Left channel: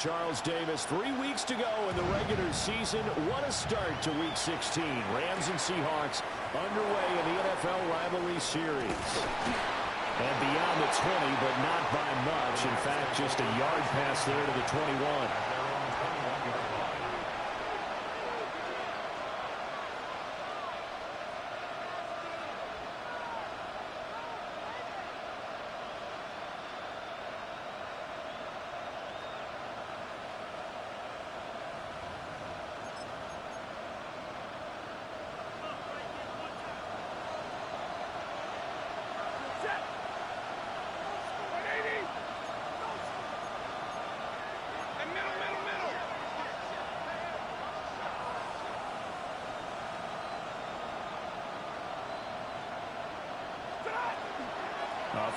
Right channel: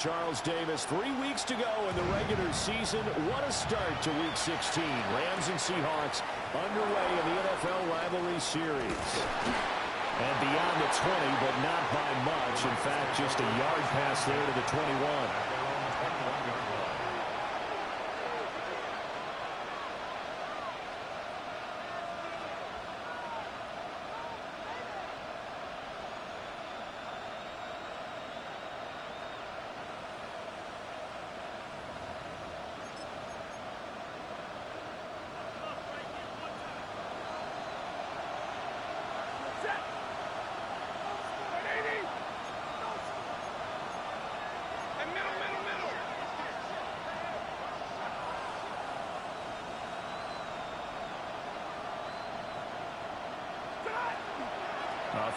Charles Davis, 3 weeks to go in the regular season. What a start to Week 16. Rams and Seahawks underway in the NFL rivalry series. And beyond the 20, but not by much. In fact, just a yard pass there to the 21.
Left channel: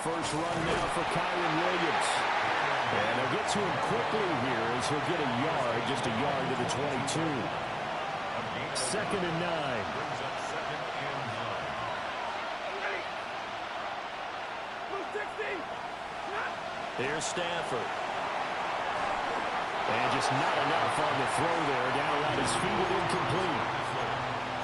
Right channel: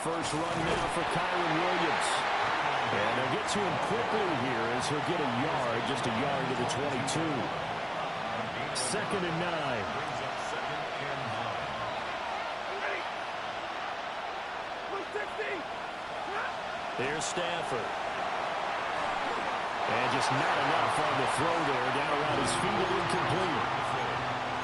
First run now for Kyren Williams. And they'll get to him quickly here as he'll get a yard, just a yard to the 22. 2nd and 9. Here's Stafford. And just not enough on the throw there. Down around his feet and incomplete.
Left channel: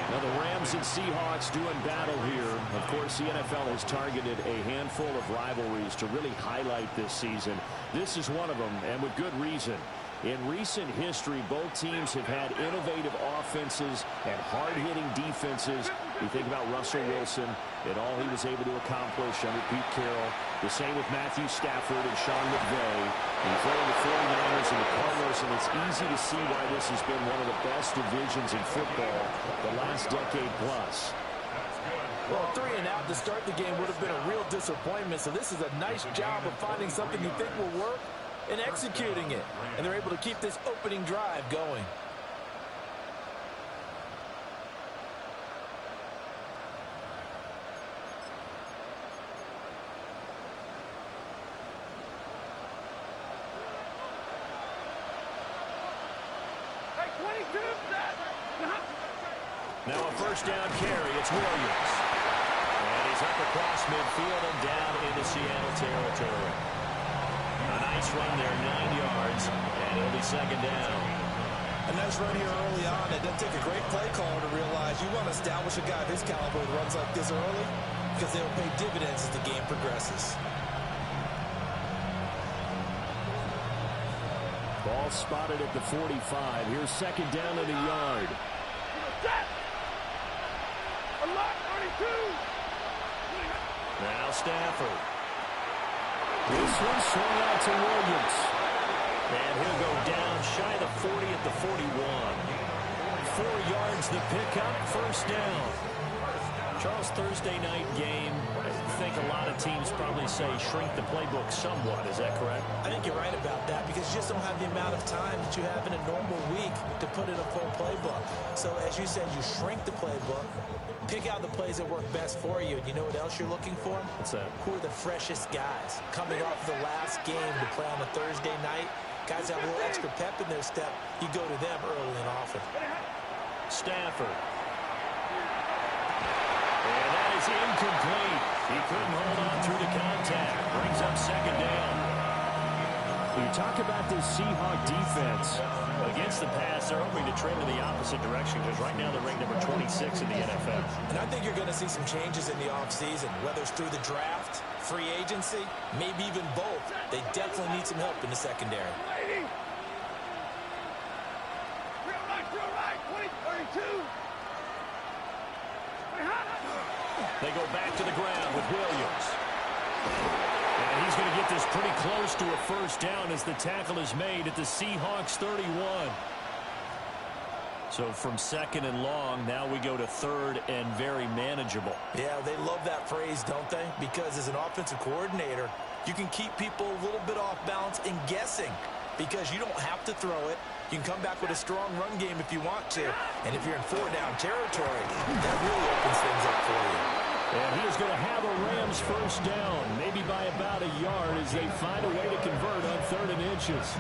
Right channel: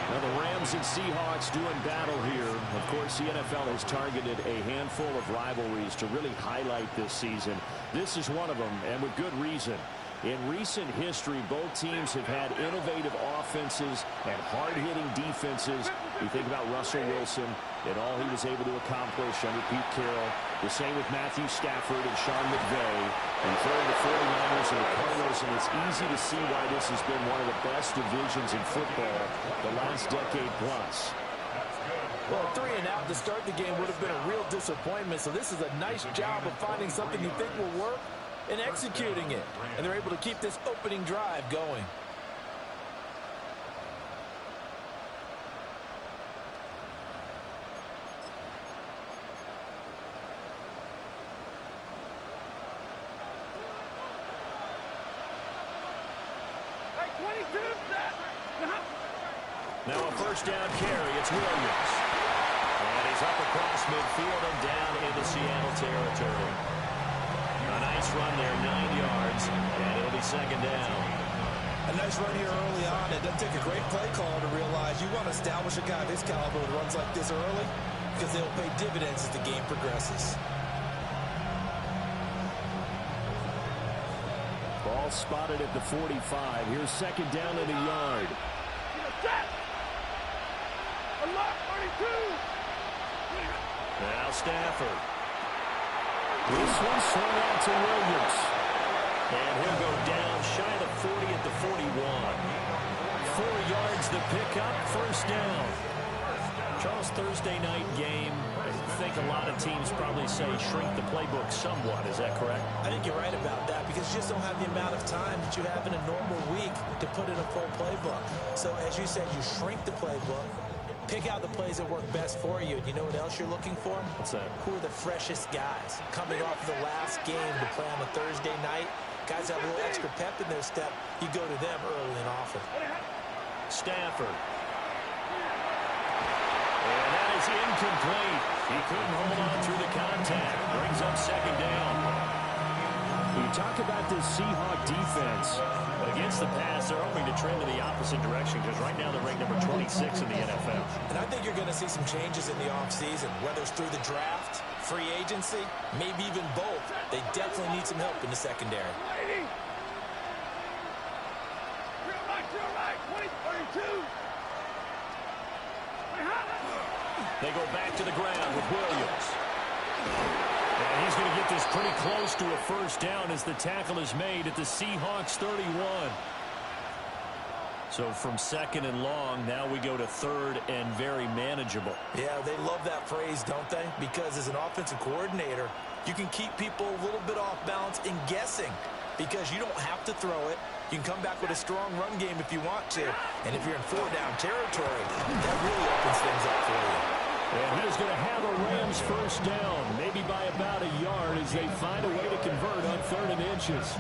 Now the Rams and Seahawks doing battle here. Of course, the NFL has targeted a handful of rivalries to really highlight this season. This is one of them, and with good reason. In recent history, both teams have had innovative offenses and hard-hitting defenses. You think about Russell Wilson and all he was able to accomplish under Pete Carroll. The same with Matthew Stafford and Sean McVay. And throwing the 49ers and the Cardinals, and it's easy to see why this has been one of the best divisions in football the last decade plus. Well, 3 and out to start the game would have been a real disappointment, so this is a nice job of finding something you think will work and executing it. And they're able to keep this opening drive going. Now a first down carry. It's Williams. And he's up across midfield and down into Seattle territory. A nice run there, 9 yards, and it'll be 2nd down. A nice run here early on. It doesn't take a great play caller to realize you want to establish a guy of his caliber with runs like this early because they'll pay dividends as the game progresses. Ball spotted at the 45. Here's 2nd down and a yard. Now Stafford. This one swung out to Williams. And he'll go down shy of the 40 at the 41. 4 yards the pickup, first down. Charles, Thursday night game, I think a lot of teams probably say shrink the playbook somewhat. Is that correct? I think you're right about that because you just don't have the amount of time that you have in a normal week to put in a full playbook. So as you said, you shrink the playbook, pick out the plays that work best for you. And you know what else you're looking for? What's that? Who are the freshest guys? Coming off the last game to play on a Thursday night, guys have a little extra pep in their step. You go to them early and often. Stafford. And that is incomplete. He couldn't hold on through the contact. Brings up 2nd down. You talk about this Seahawk defense. Against the pass, they're hoping to trend in the opposite direction because right now they're ranked number 26 in the NFL. And I think you're going to see some changes in the offseason, whether it's through the draft, free agency, maybe even both. They definitely need some help in the secondary. They go back to the ground with Williams. And he's going to get this pretty close to a first down as the tackle is made at the Seahawks 31. So from 2nd and long, now we go to 3rd and very manageable. Yeah, they love that phrase, don't they? Because as an offensive coordinator, you can keep people a little bit off balance and guessing because you don't have to throw it. You can come back with a strong run game if you want to. And if you're in 4-down territory, that really opens things up for you. And he is going to have a Rams first down, maybe by about a yard as they find a way to convert on 3rd and inches.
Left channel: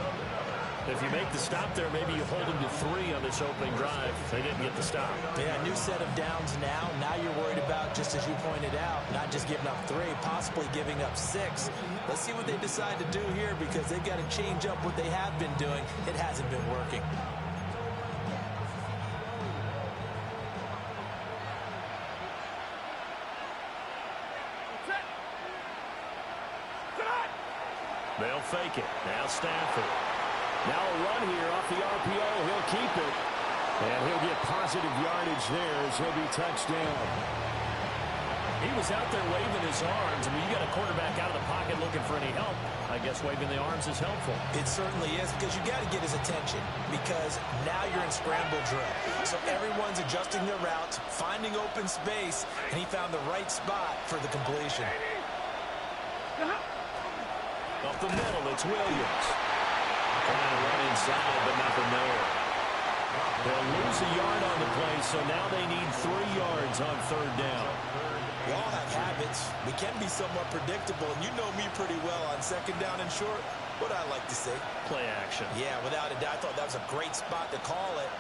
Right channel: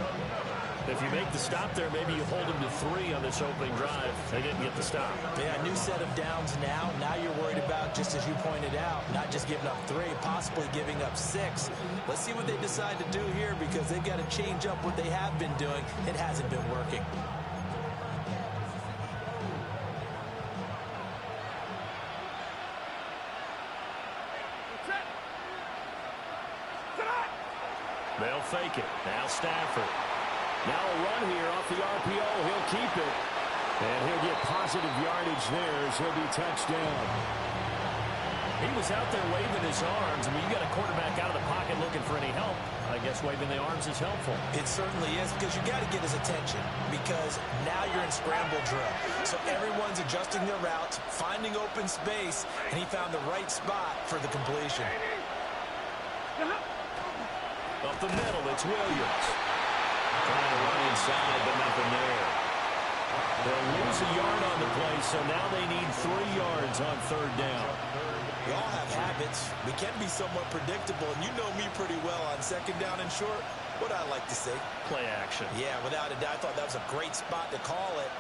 If you make the stop there, maybe you hold them to 3 on this opening drive. They didn't get the stop. Yeah, new set of downs now. Now you're worried about, just as you pointed out, not just giving up 3, possibly giving up 6. Let's see what they decide to do here, because they've got to change up what they have been doing. It hasn't been working. They'll fake it. Now Stafford. Now a run here off the RPO. He'll keep it. And he'll get positive yardage there as he'll be touched down. He was out there waving his arms. I mean, you got a quarterback out of the pocket looking for any help. I guess waving the arms is helpful. It certainly is, because you got to get his attention, because now you're in scramble drill. So everyone's adjusting their routes, finding open space, and he found the right spot for the completion. Up the middle, it's Williams. Trying to run inside, but nothing there. They'll lose a yard on the play, so now they need 3 yards on 3rd down. We all have habits. We can be somewhat predictable, and you know me pretty well on 2nd down and short. What I like to say? Play action. Yeah, without a doubt. I thought that was a great spot to call it.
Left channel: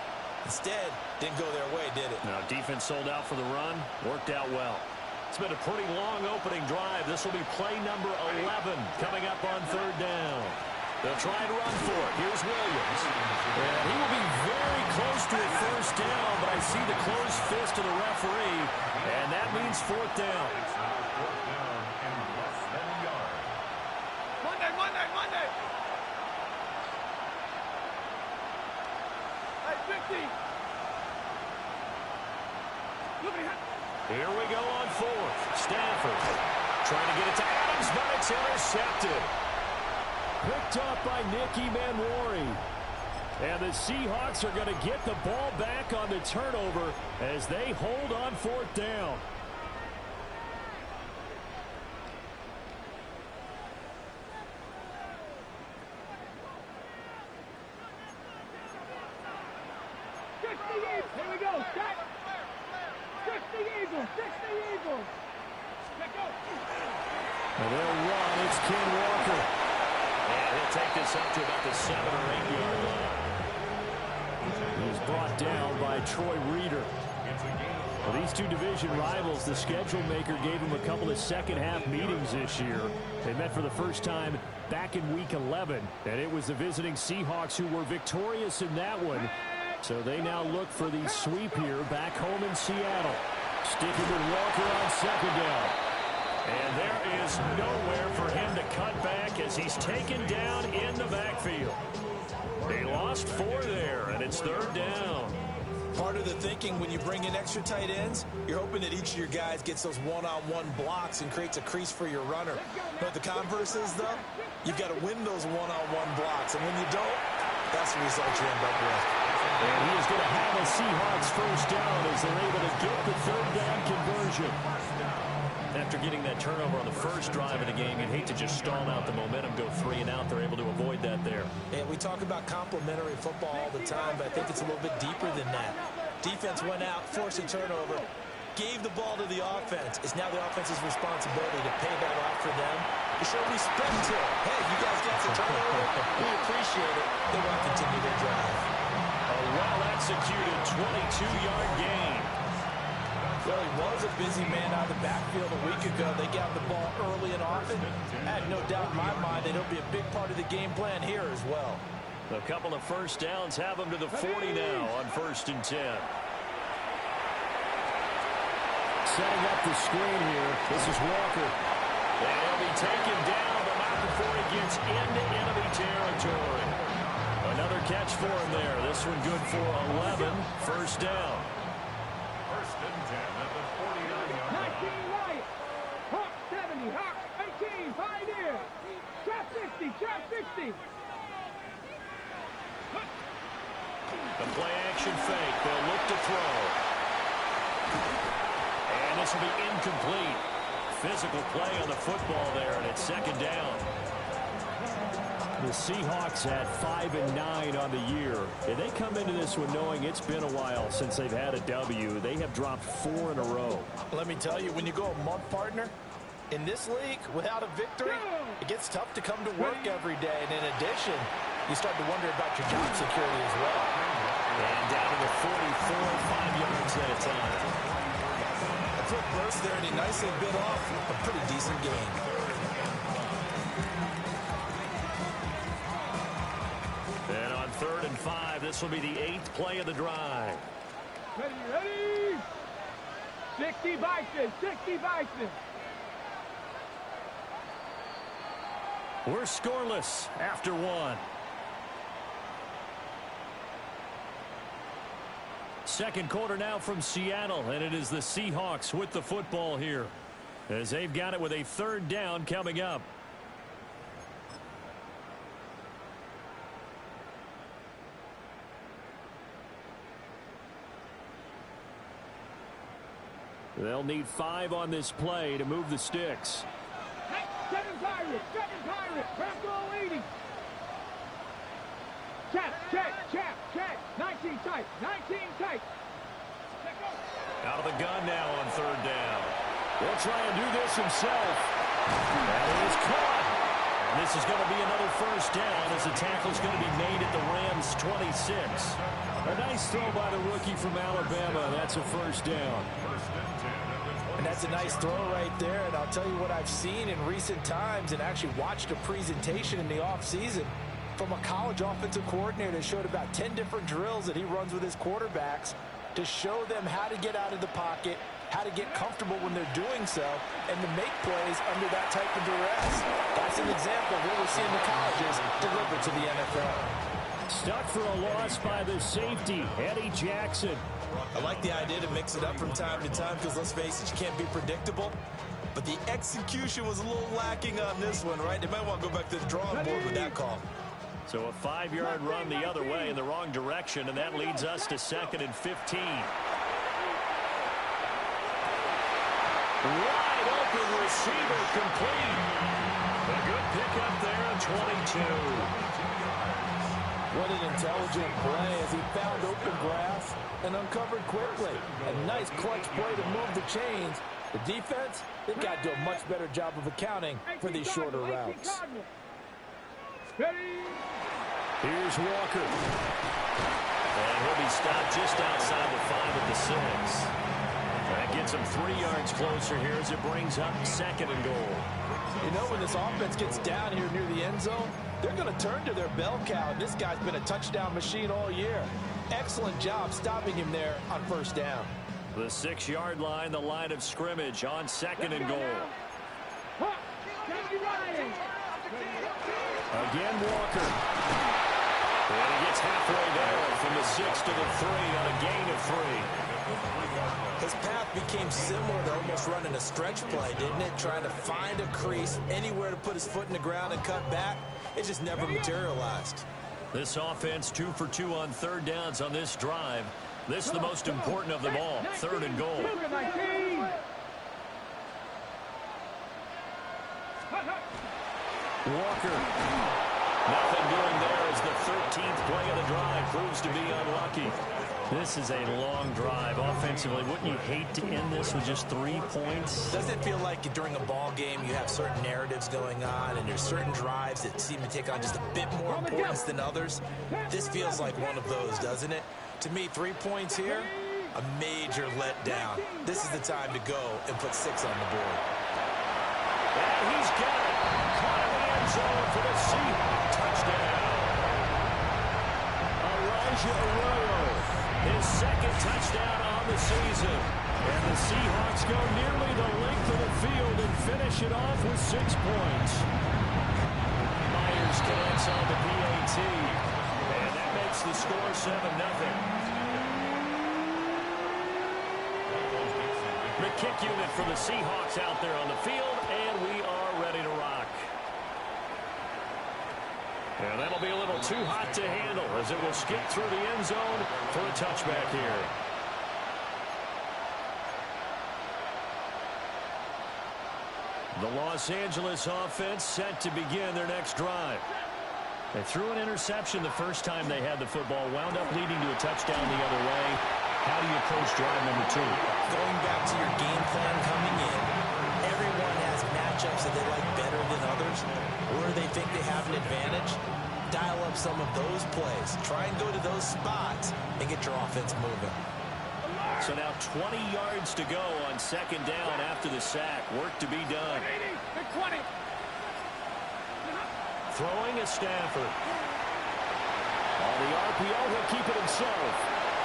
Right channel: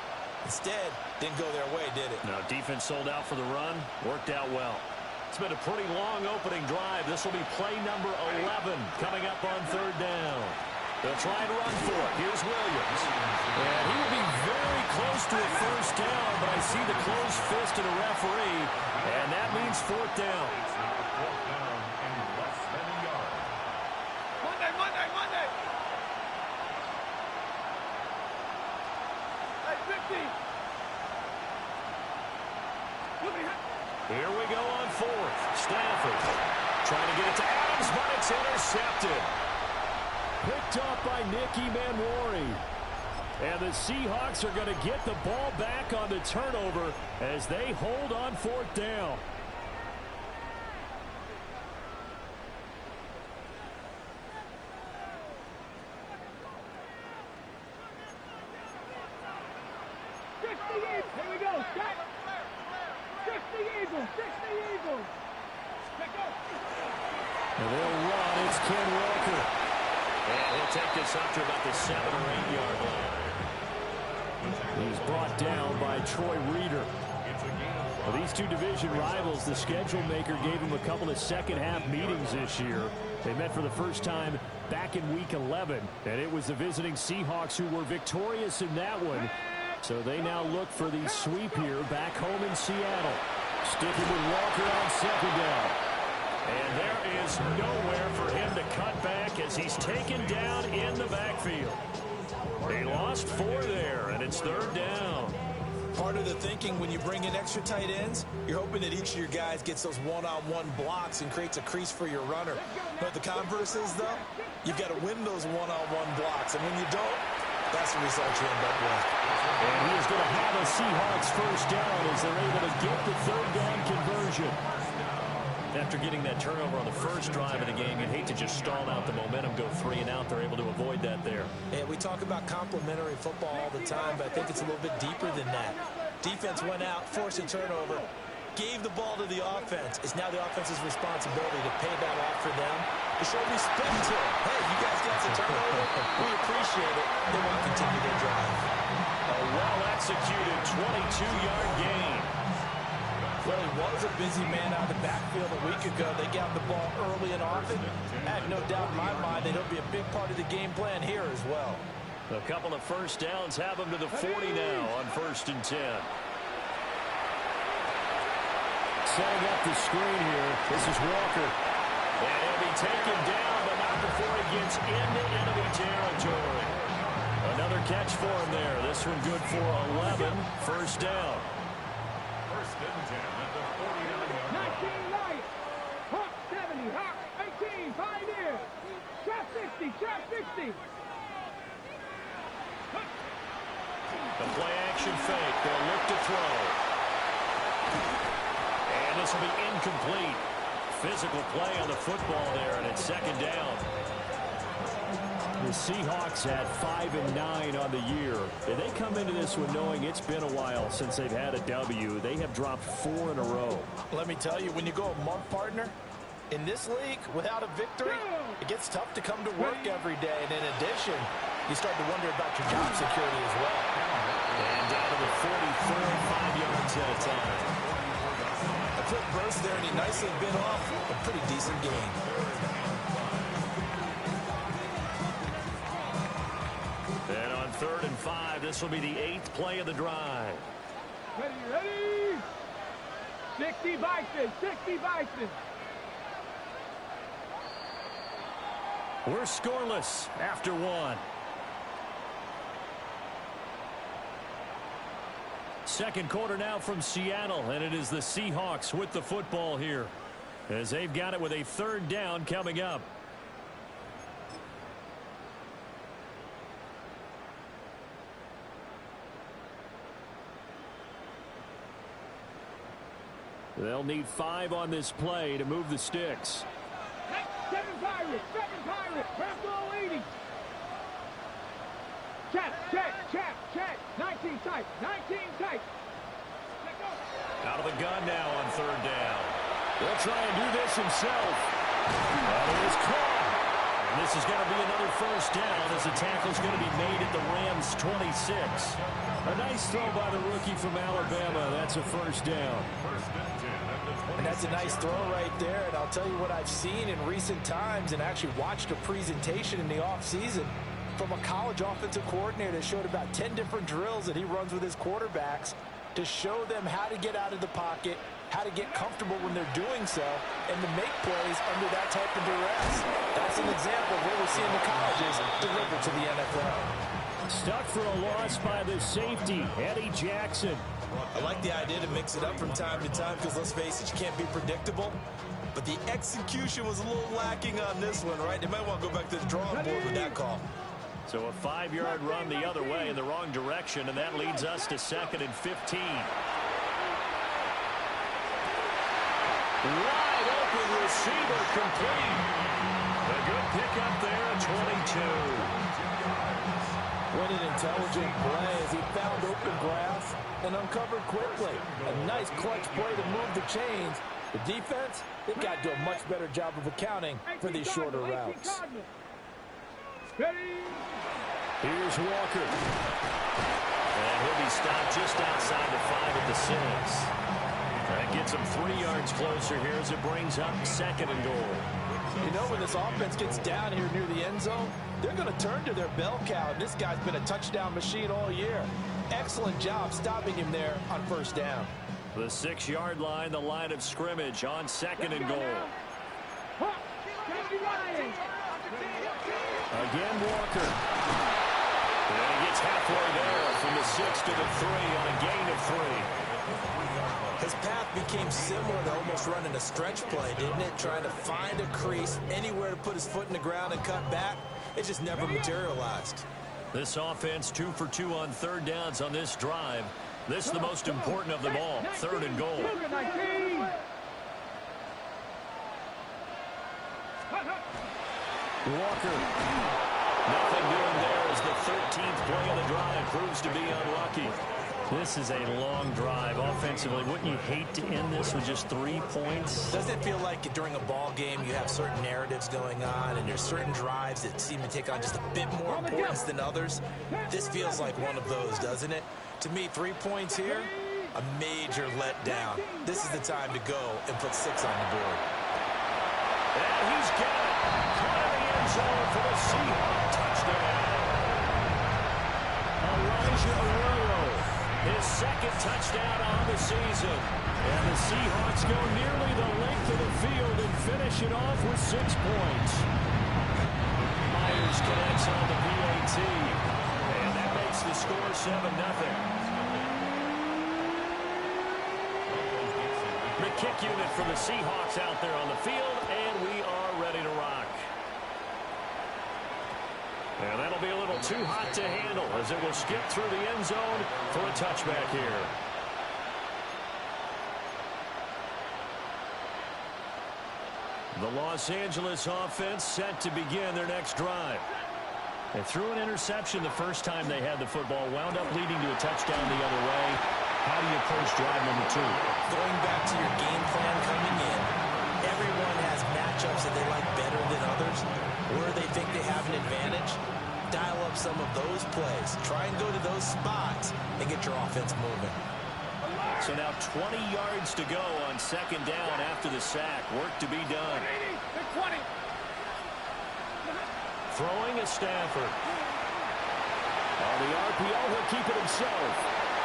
Instead, didn't go their way, did it? Now, defense sold out for the run. Worked out well. It's been a pretty long opening drive. This will be play number 11 coming up on 3rd down. They'll try and run for it. Here's Williams. And he will be very close to a 1st down, but I see the closed fist of the referee, and that means 4th down. Monday. Hey, 50. Here we go on 4th. Stafford trying to get it to Adams, but it's intercepted. Picked up by Nick Emmanwori. And the Seahawks are going to get the ball back on the turnover as they hold on 4th down. Here we go. Set. 60 Eagles. Let go. And they'll run. It's Ken Walker. And he'll take this up to about the 7 or 8 yard line. He's brought down by Troy Reeder. Well, these two division rivals, the schedule maker gave them a couple of second-half meetings this year. They met for the first time back in Week 11, and it was the visiting Seahawks who were victorious in that one. So they now look for the sweep here back home in Seattle. Sticking with Walker on 2nd down. And there is nowhere for him to cut back as he's taken down in the backfield. They lost 4 there, and it's 3rd down. Part of the thinking when you bring in extra tight ends, you're hoping that each of your guys gets those one-on-one blocks and creates a crease for your runner. But the converse is, though, you've got to win those one-on-one blocks. And when you don't, that's the result you end up with. And he is going to have a Seahawks 1st down as they're able to get the 3rd down conversion. After getting that turnover on the first drive of the game, you'd hate to just stall out the momentum, go 3 and out. They're able to avoid that there. And we talk about complementary football all the time, but I think it's a little bit deeper than that. Defense went out, forced a turnover, gave the ball to the offense. It's now the offense's responsibility to pay that off for them, to show respect to them. Hey, you guys got the turnover. We appreciate it. They want to continue their drive. A well-executed 22-yard gain. Well, he was a busy man out of the backfield a week ago. They got the ball early and often. I have no doubt in my mind that he'll be a big part of the game plan here as well. A couple of 1st downs have them to the 40 now on 1st and 10. Setting up the screen here. This is Walker. And he'll be taken down, but not before he gets into enemy territory. Another catch for him there. This one good for 11. 1st down. 1st and 10 at the 49-yard line. 19 right. Hawk 70. Hawk 18. Pioneer. Trap 60. Trap 60. The play action fake. They'll look to throw. And this will be incomplete. Physical play on the football there, and it's 2nd down. The Seahawks at 5-9 on the year. And they come into this one knowing it's been a while since they've had a W. They have dropped 4 in a row. Let me tell you, when you go a month, partner, in this league, without a victory, it gets tough to come to work every day. And in addition, you start to wonder about your job security as well. And down to the 44, 5 yards that time. A quick burst there, and he nicely bit off a pretty decent gain. And on 3rd and 5, this will be the 8th play of the drive. Ready? 60 Bison, 60 Bison. We're scoreless after 1. Second quarter now from Seattle, and it is the Seahawks with the football here, as they've got it with a 3rd down coming up. They'll need 5 on this play to move the sticks. 7 Pirates, Bravo 80. Check. 19 tight. Out of the gun now on 3rd down. He'll try and do this himself. That is caught. And this is going to be another 1st down as the tackle's going to be made at the Rams' 26. A nice throw by the rookie from Alabama. That's a 1st down. And that's a nice throw right there. And I'll tell you what I've seen in recent times and actually watched a presentation in the offseason from a college offensive coordinator that showed about 10 different drills that he runs with his quarterbacks to show them how to get out of the pocket, how to get comfortable when they're doing so, and to make plays under that type of duress. That's an example of what we're seeing the colleges deliver to the NFL. Stuck for a loss by the safety, Eddie Jackson. I like the idea to mix it up from time to time because, let's face it, you can't be predictable. But the execution was a little lacking on this one, right? They might want to go back to the drawing board with that call. So a 5-yard run the other way in the wrong direction, and that leads us to 2nd and 15. Wide open receiver complete. A good pickup there at 22. What an intelligent play as he found open grass and uncovered quickly. A nice clutch play to move the chains. The defense, they've got to do a much better job of accounting for these shorter routes. Here's Walker. And he'll be stopped just outside the 5 at the 6. That gets him 3 yards closer here as it brings up 2nd and goal. You know, when this offense gets down here near the end zone, they're going to turn to their bell cow. And this guy's been a touchdown machine all year. Excellent job stopping him there on 1st down. The 6-yard line, the line of scrimmage on 2nd and goal. Again, Walker. And he gets halfway there from the 6 to the 3 on a gain of 3. His path became similar to almost running a stretch play, didn't it? Trying to find a crease, anywhere to put his foot in the ground and cut back. It just never materialized. This offense 2 for 2 on 3rd downs on this drive. This is the most important of them all, 3rd and goal. Walker. Nothing doing there as the 13th play of the drive proves to be unlucky. This is a long drive offensively. Wouldn't you hate to end this with just 3 points? Doesn't it feel like during a ball game you have certain narratives going on and there's certain drives that seem to take on just a bit more importance than others? This feels like one of those, doesn't it? To me, 3 points here, a major letdown. This is the time to go and put 6 on the board. And he's got it. Caught in the end zone for the Seahawks touchdown. Elijah Arroyo, his 2nd touchdown on the season. And the Seahawks go nearly the length of the field and finish it off with 6 points. Myers connects on the PAT. And that makes the score 7-0. The kick unit for the Seahawks out there on the field, and we are ready to rock. And that'll be a little too hot to handle as it will skip through the end zone for a touchback here. The Los Angeles offense set to begin their next drive. They threw an interception the first time they had the football, wound up leading to a touchdown the other way. How do you approach drive number 2? Going back to your game plan coming in, everyone has matchups that they like better than others, where they think they have an advantage. dial up some of those plays. Try and go to those spots and get your offense moving. So now 20 yards to go on second down after the sack. Work to be done. 20. Throwing is Stafford. On the RPO, he'll keep it himself.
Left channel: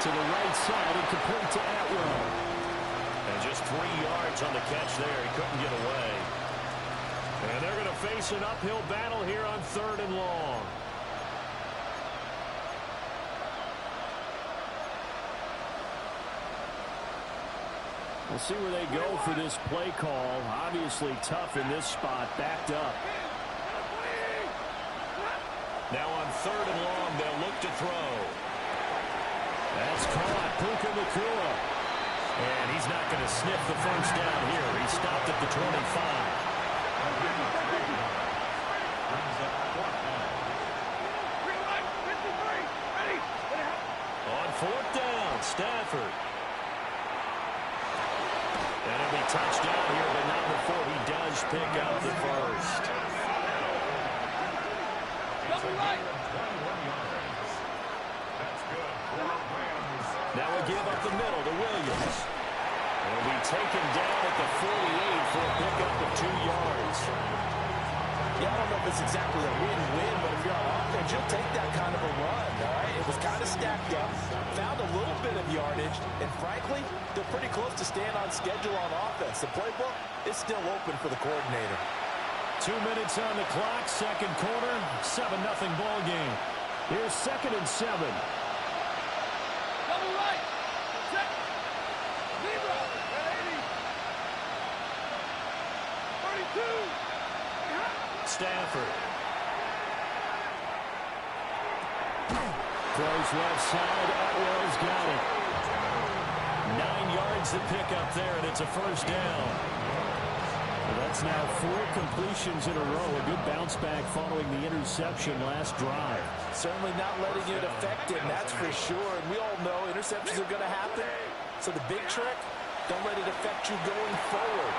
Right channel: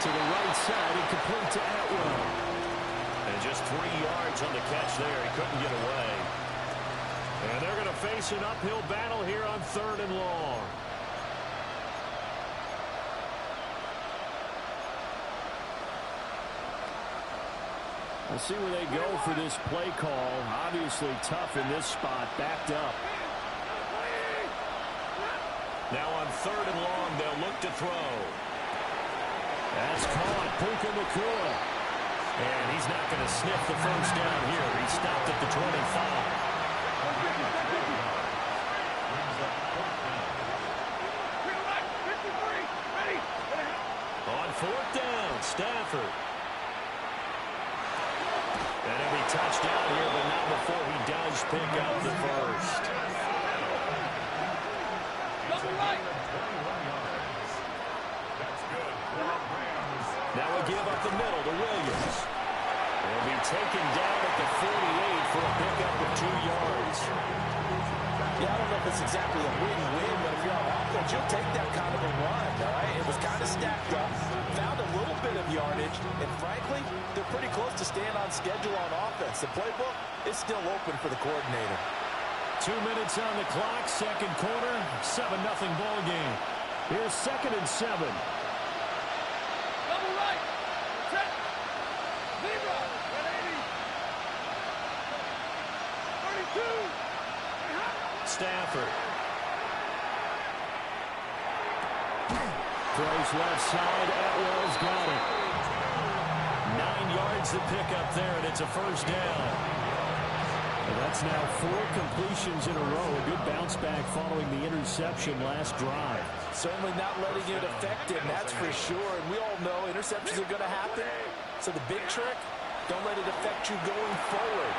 To the right side and complete to Atwell. And just 3 yards on the catch there. He couldn't get away. And they're going to face an uphill battle here on 3rd and long. We'll see where they go for this play call. Obviously tough in this spot, backed up. Now on 3rd and long, they'll look to throw. That's caught. Puka Nacua. And he's not going to sniff the first down here. He stopped at the 25. On 4th down, Stafford. And he'll be touchdown here, but not before he does pick up the first. Now we give up the middle to Williams. He'll be taken down at the 48 for a pickup of 2 yards. Yeah, I don't know if it's exactly a win-win, but if you're on offense, you'll take that kind of a run, all right? It was kind of stacked up, found a little bit of yardage, and frankly, they're pretty close to staying on schedule on offense. The playbook is still open for the coordinator. 2 minutes on the clock, second quarter, 7-0 ball game. Here's 2nd and 7. Double right. Set. Zebra. 180. 32. Stafford. Throws left side. Atwell's got it. 9 yards to pick up there, and it's a first down. Well, that's now 4 completions in a row. A good bounce back following the interception last drive. Certainly not letting it affect him, that's for sure. And we all know interceptions are going to happen. So the big trick, don't let it affect you going forward.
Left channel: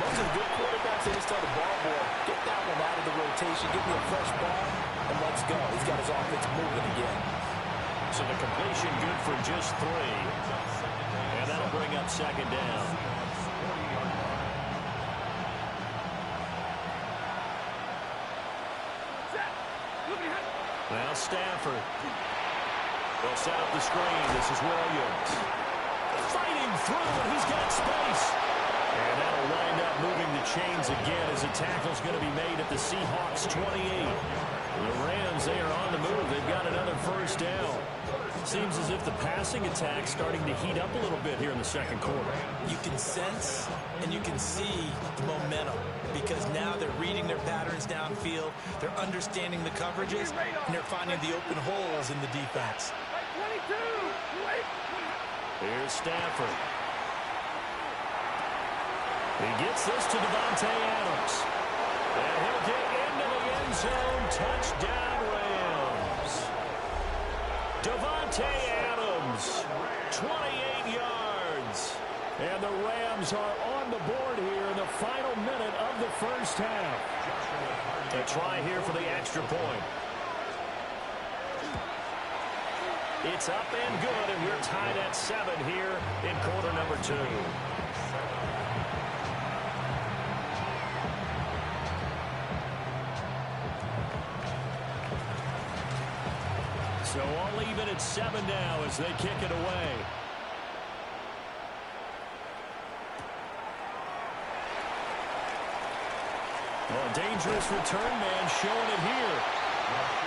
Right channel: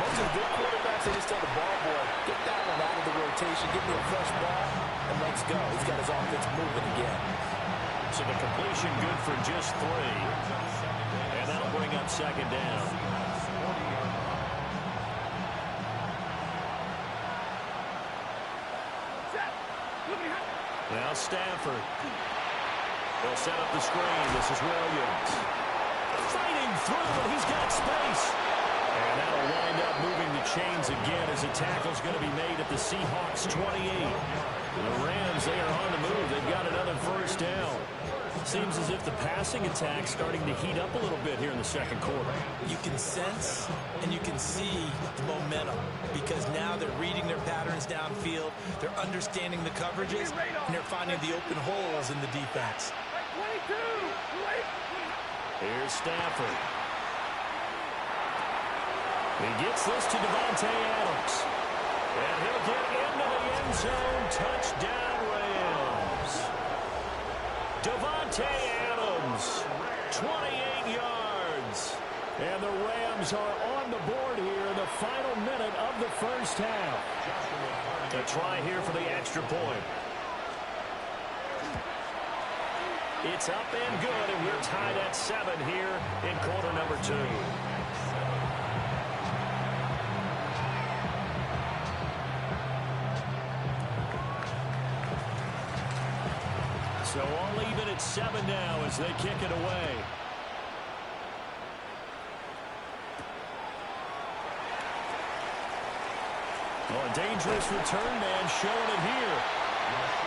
Most of the good quarterbacks, they just tell the ball boy, get that one out of the rotation, give me a fresh ball, and let's go. He's got his offense moving again. So the completion good for just 3. And that'll bring up second down. Now Stafford. They'll set up the screen. This is Williams. Fighting through, and he's got space. And that'll wind up moving the chains again as the tackle's going to be made at the Seahawks 28. The Rams, they are on the move. They've got another first down. Seems as if the passing attack's starting to heat up a little bit here in the second quarter. You can sense and you can see the momentum because now they're reading their patterns downfield, they're understanding the coverages, and they're finding the open holes in the defense. 22. Here's Stafford. He gets this to Davante Adams. And he'll get into the end zone. Touchdown, Rams. Davante Adams, 28 yards. And the Rams are on the board here in the final minute of the first half. A try here for the extra point. It's up and good, and we're tied at 7 here in quarter number 2. So all even at 7 now as they kick it away. Oh, a dangerous return man showing it here.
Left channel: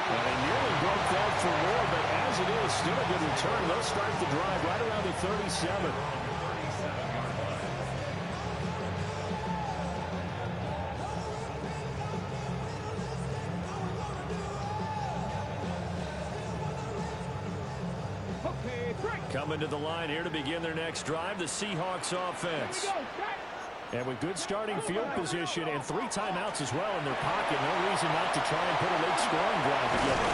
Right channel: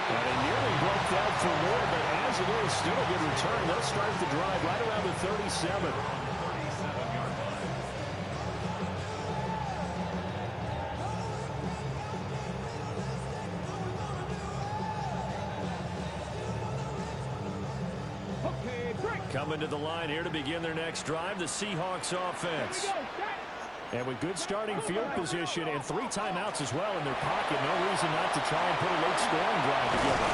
And he nearly broke that for more, but as it is, still a good return. They'll start the drive right around the 37. Coming to the line here to begin their next drive, the Seahawks offense. And with good starting field position and 3 timeouts as well in their pocket, no reason not to try and put a late scoring drive together.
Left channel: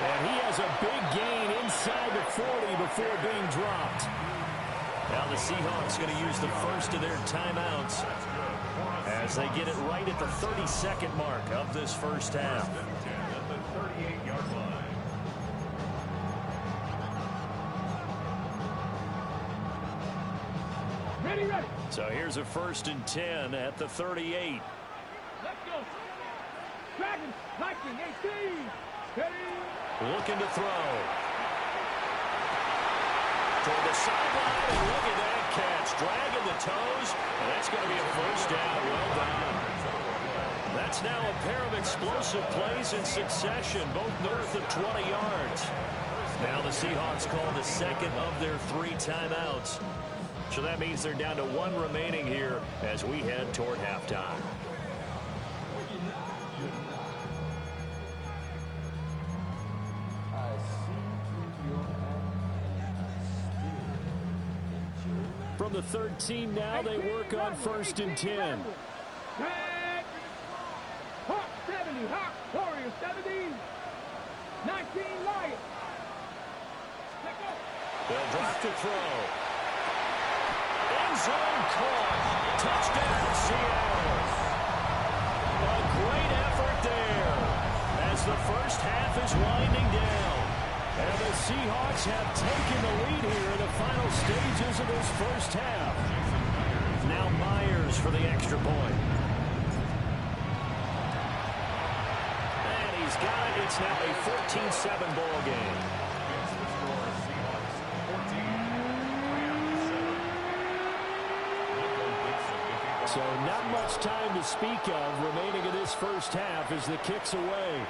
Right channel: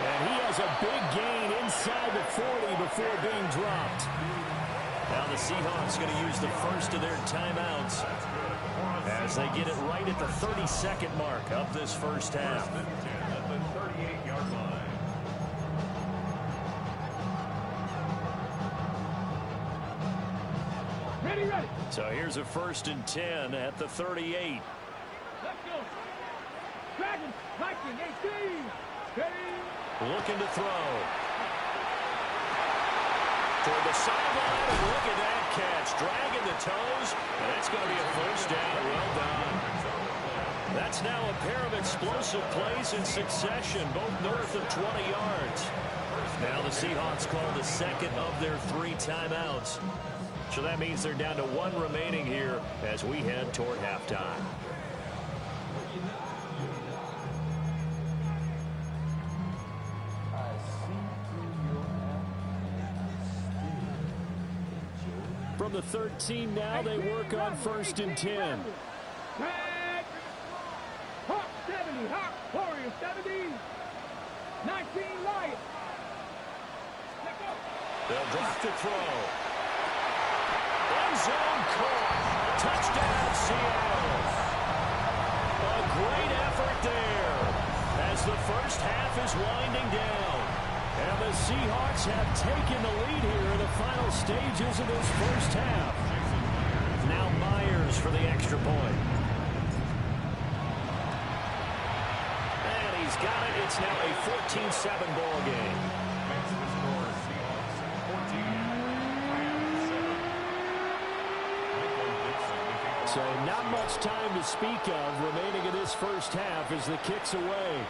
And he has a big gain inside the 40 before being dropped. Now the Seahawks going to use the first of their timeouts as they get it right at the 32nd mark of this first half. Ready, ready. So here's a 1st and 10 at the 38. Let's go. Dragons, Viking, 18. Ready. Looking to throw. Toward the sideline, and look at that catch. Dragging the toes, and that's going to be a 1st down. Well done. That's now a pair of explosive plays in succession, both north of 20 yards. Now the Seahawks call the second of their 3 timeouts. So that means they're down to 1 remaining here as we head toward halftime. From the 13 now, they work on 1st and 10. Tag. Hawk 70, Hawk, Warriors 70. 19 Lions. Let's go. They'll drop to throw. End zone caught. Touchdown, Seattle. A great effort there as the first half is winding down. And the Seahawks have taken the lead here in the final stages of this first half. Now Myers for the extra point. And he's got it. It's now a 14-7 ball game. So not much time to speak of remaining in this first half as the kick's away.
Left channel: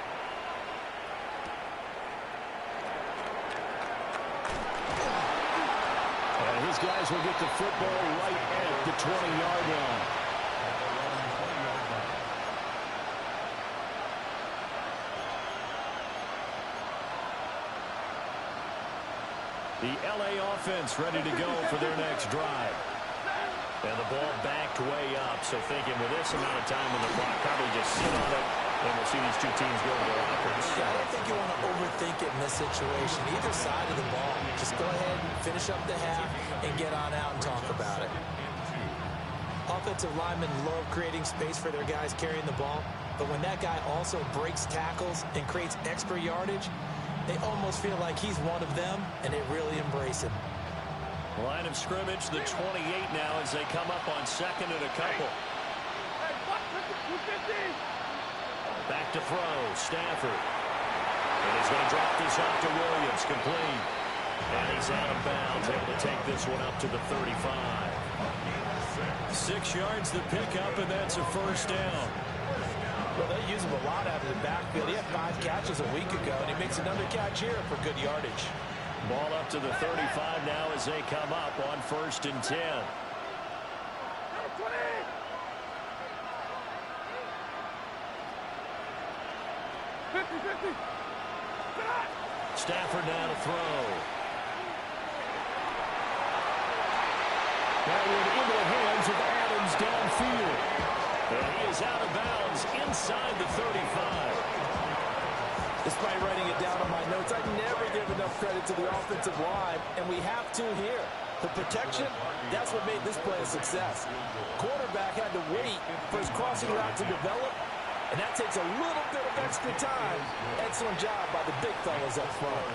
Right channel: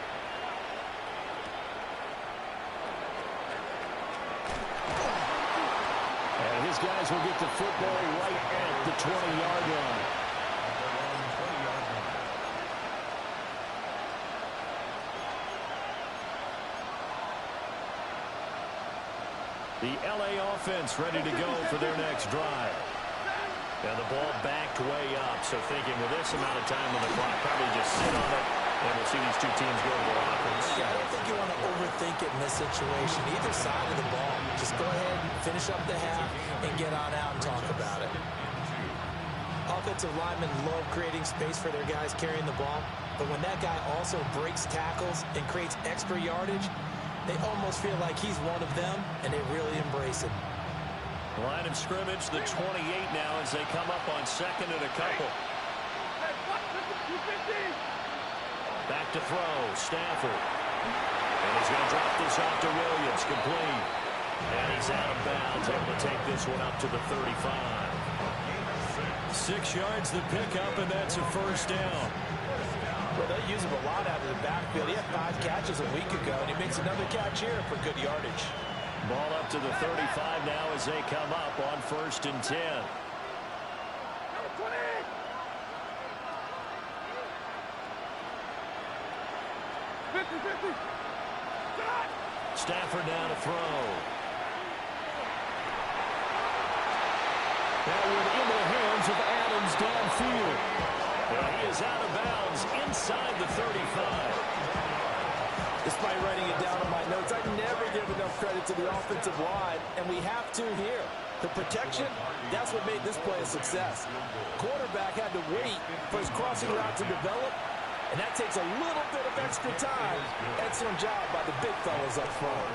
And his guys will get the football right at the 20-yard line. The LA offense ready to go for their next drive. And the ball backed way up, so thinking with this amount of time on the clock, probably just sit on it, and we'll see these two teams go to the lockers. Yeah, I don't think you want to overthink it in this situation. Either side of the ball. Just go ahead and finish up the half and get on out and talk about it. Offensive linemen love creating space for their guys carrying the ball, but when that guy also breaks tackles and creates extra yardage, they almost feel like he's one of them, and they really embrace him. Line of scrimmage, the 28 now as they come up on 2nd and a couple. Back to throw, Stafford. And he's going to drop this off to Williams, complete. And he's out of bounds, able to take this one up to the 35. 6 yards the pickup, and that's a 1st down. Well, they use him a lot out of the backfield. He had 5 catches a week ago, and he makes another catch here for good yardage. Ball up to the 35 now as they come up on 1st and 10. Stafford now to throw. That one into the hands of Adams downfield. And he is out of bounds inside the 35. Despite writing it down on my notes, I never give enough credit to the offensive line, and we have to here. The protection, that's what made this play a success. Quarterback had to wait for his crossing route to develop, and that takes a little bit of extra time. Excellent job by the big fellas up front.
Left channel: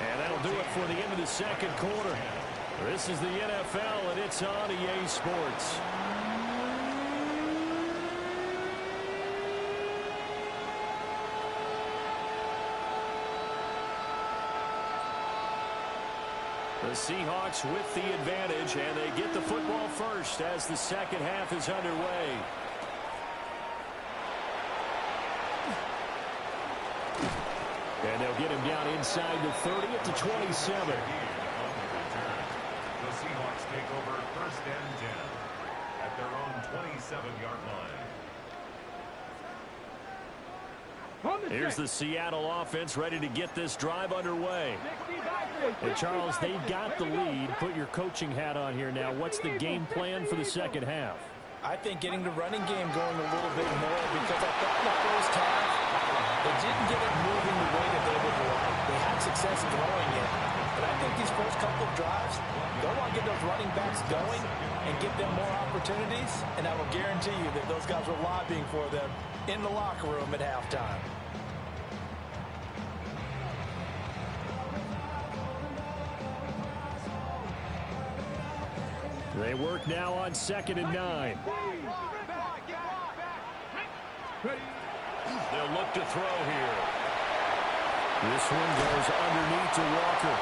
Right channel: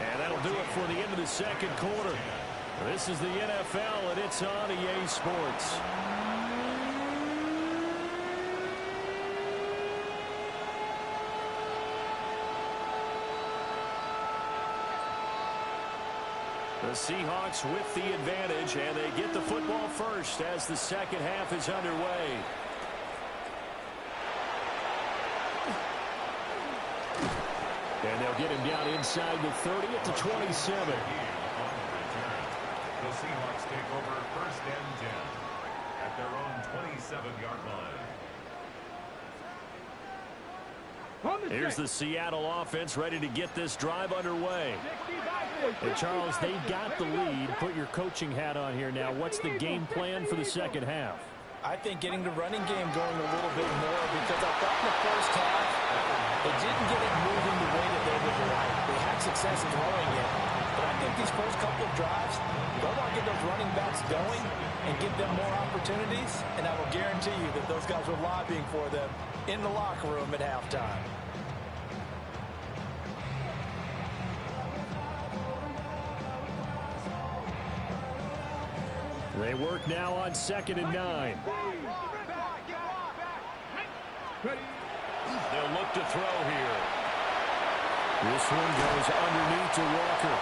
And that'll do it for the end of the 2nd quarter. This is the NFL, and it's on EA Sports. The Seahawks with the advantage, and they get the football first as the 2nd half is underway. And they'll get him down inside the 30 at the 27. The Seahawks take over 1st and 10 at their own 27-yard line. Here's the Seattle offense ready to get this drive underway. And Charles, they've got the lead. Put your coaching hat on here now. What's the game plan for the 2nd half? I think getting the running game going a little bit more, because I thought in the first half they didn't get it moving the way that they would like. They had success throwing it, but I think these first couple of drives, they'll want to get those running backs going and give them more opportunities, and I will guarantee you that those guys were lobbying for them in the locker room at halftime. They work now on 2nd and 9. They'll look to throw here. This one goes underneath to Walker.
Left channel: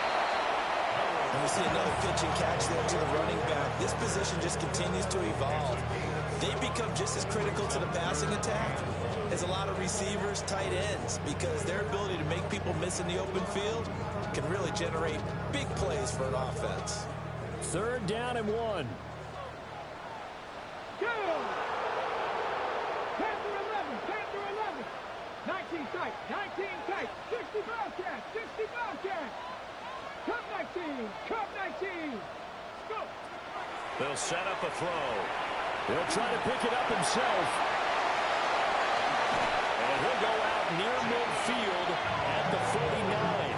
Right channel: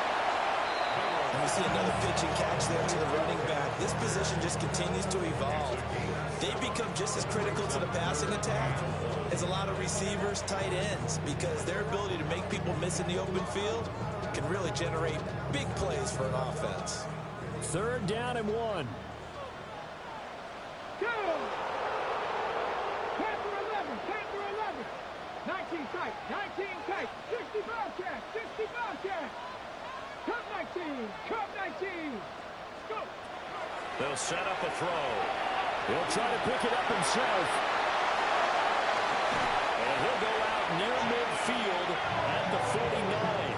And we see another pitch and catch there to the running back. This position just continues to evolve. They become just as critical to the passing attack as a lot of receivers, tight ends, because their ability to make people miss in the open field can really generate big plays for an offense. 3rd down and 1. Go! Panther 11, Panther 11. 19 tight, 19 tight. 60 Bobcat, 60 Bobcat. Cup 19, Cup 19. Go! They'll set up a throw. He'll try to pick it up himself. And he'll go out near midfield at the 49.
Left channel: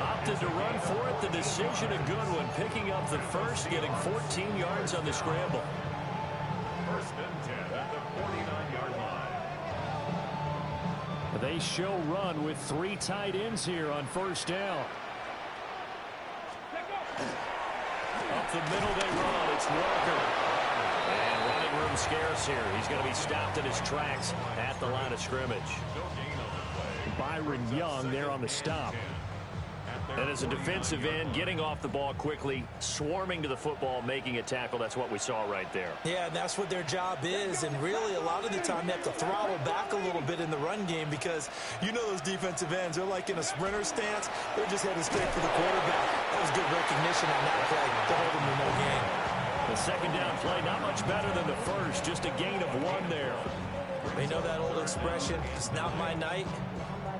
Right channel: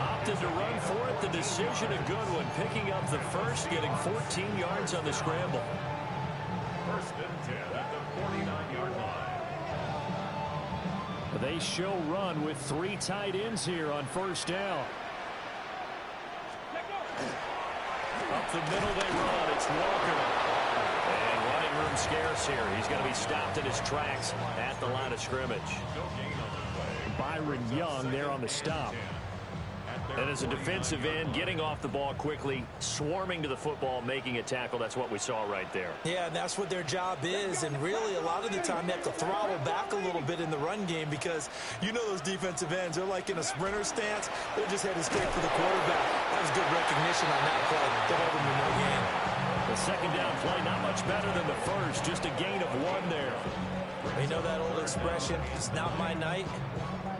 Opted to run for it. The decision a good one. Picking up the first, getting 14 yards on the scramble. 1st and 10 at the 49-yard line. They show run with 3 tight ends here on 1st down. Up the middle they run. It's Walker. And running room scarce here. He's going to be stopped in his tracks at the line of scrimmage. No gain on the play. Byron Young there on the stop. And as a defensive end, getting off the ball quickly, swarming to the football, making a tackle. That's what we saw right there. Yeah, and that's what their job is. And really, a lot of the time, they have to throttle back a little bit in the run game because you know those defensive ends, they're like in a sprinter stance. They're just headed straight for the quarterback. That was good recognition on that play to hold them to no gain. The 2nd down play, not much better than the first. Just a gain of 1 there. You know that old expression, it's not my night.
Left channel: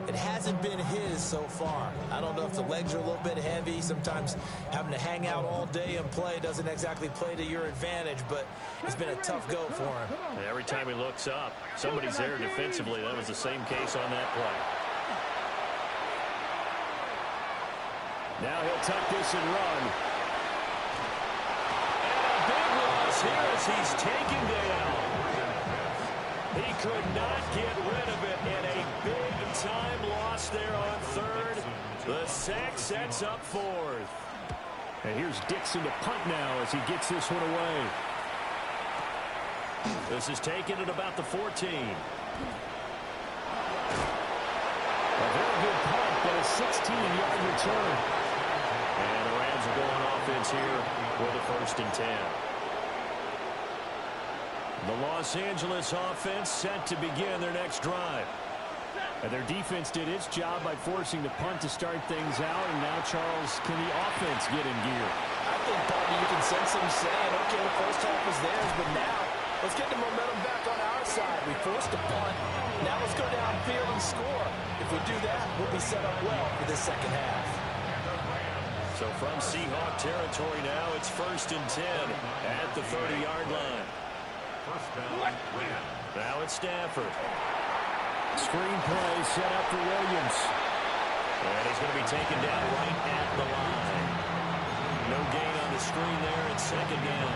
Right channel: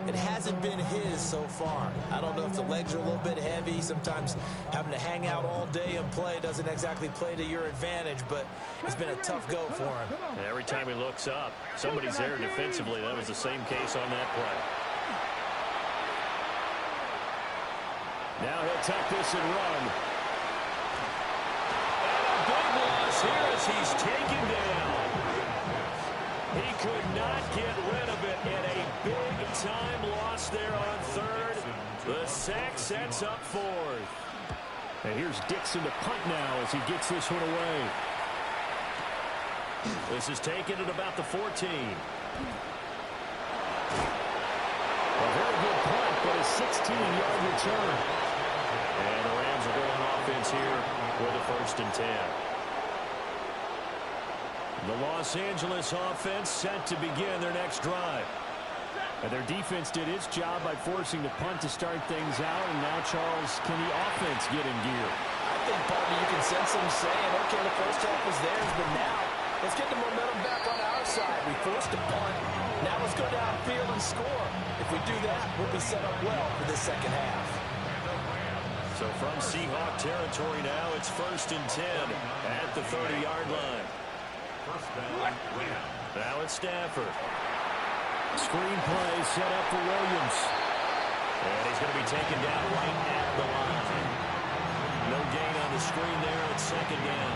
It hasn't been his so far. I don't know if the legs are a little bit heavy. Sometimes having to hang out all day and play doesn't exactly play to your advantage, but it's been a tough go for him. And every time he looks up, somebody's there defensively. That was the same case on that play. Now he'll tuck this and run. And a big loss here as he's taken down. He could not get rid of it, and a big-time loss there on 3rd. The sack sets up 4th. And here's Dixon to punt now as he gets this one away. This is taken at about the 14. A very good punt, but a 16-yard return. And the Rams are going offense here with a 1st and 10. The Los Angeles offense set to begin their next drive. And their defense did its job by forcing the punt to start things out. And now, Charles, can the offense get in gear? I think, partner, you can sense them saying, okay, the first half was theirs, but now let's get the momentum back on our side. We forced a punt. Now let's go downfield and score. If we do that, we'll be set up well for this 2nd half. So from Seahawk territory now, it's 1st and 10 at the 30-yard line. 1st down, Rams. Now it's Stafford. Screenplay set up for Williams. And he's going to be taken down right at the line. No gain on the screen there at 2nd down.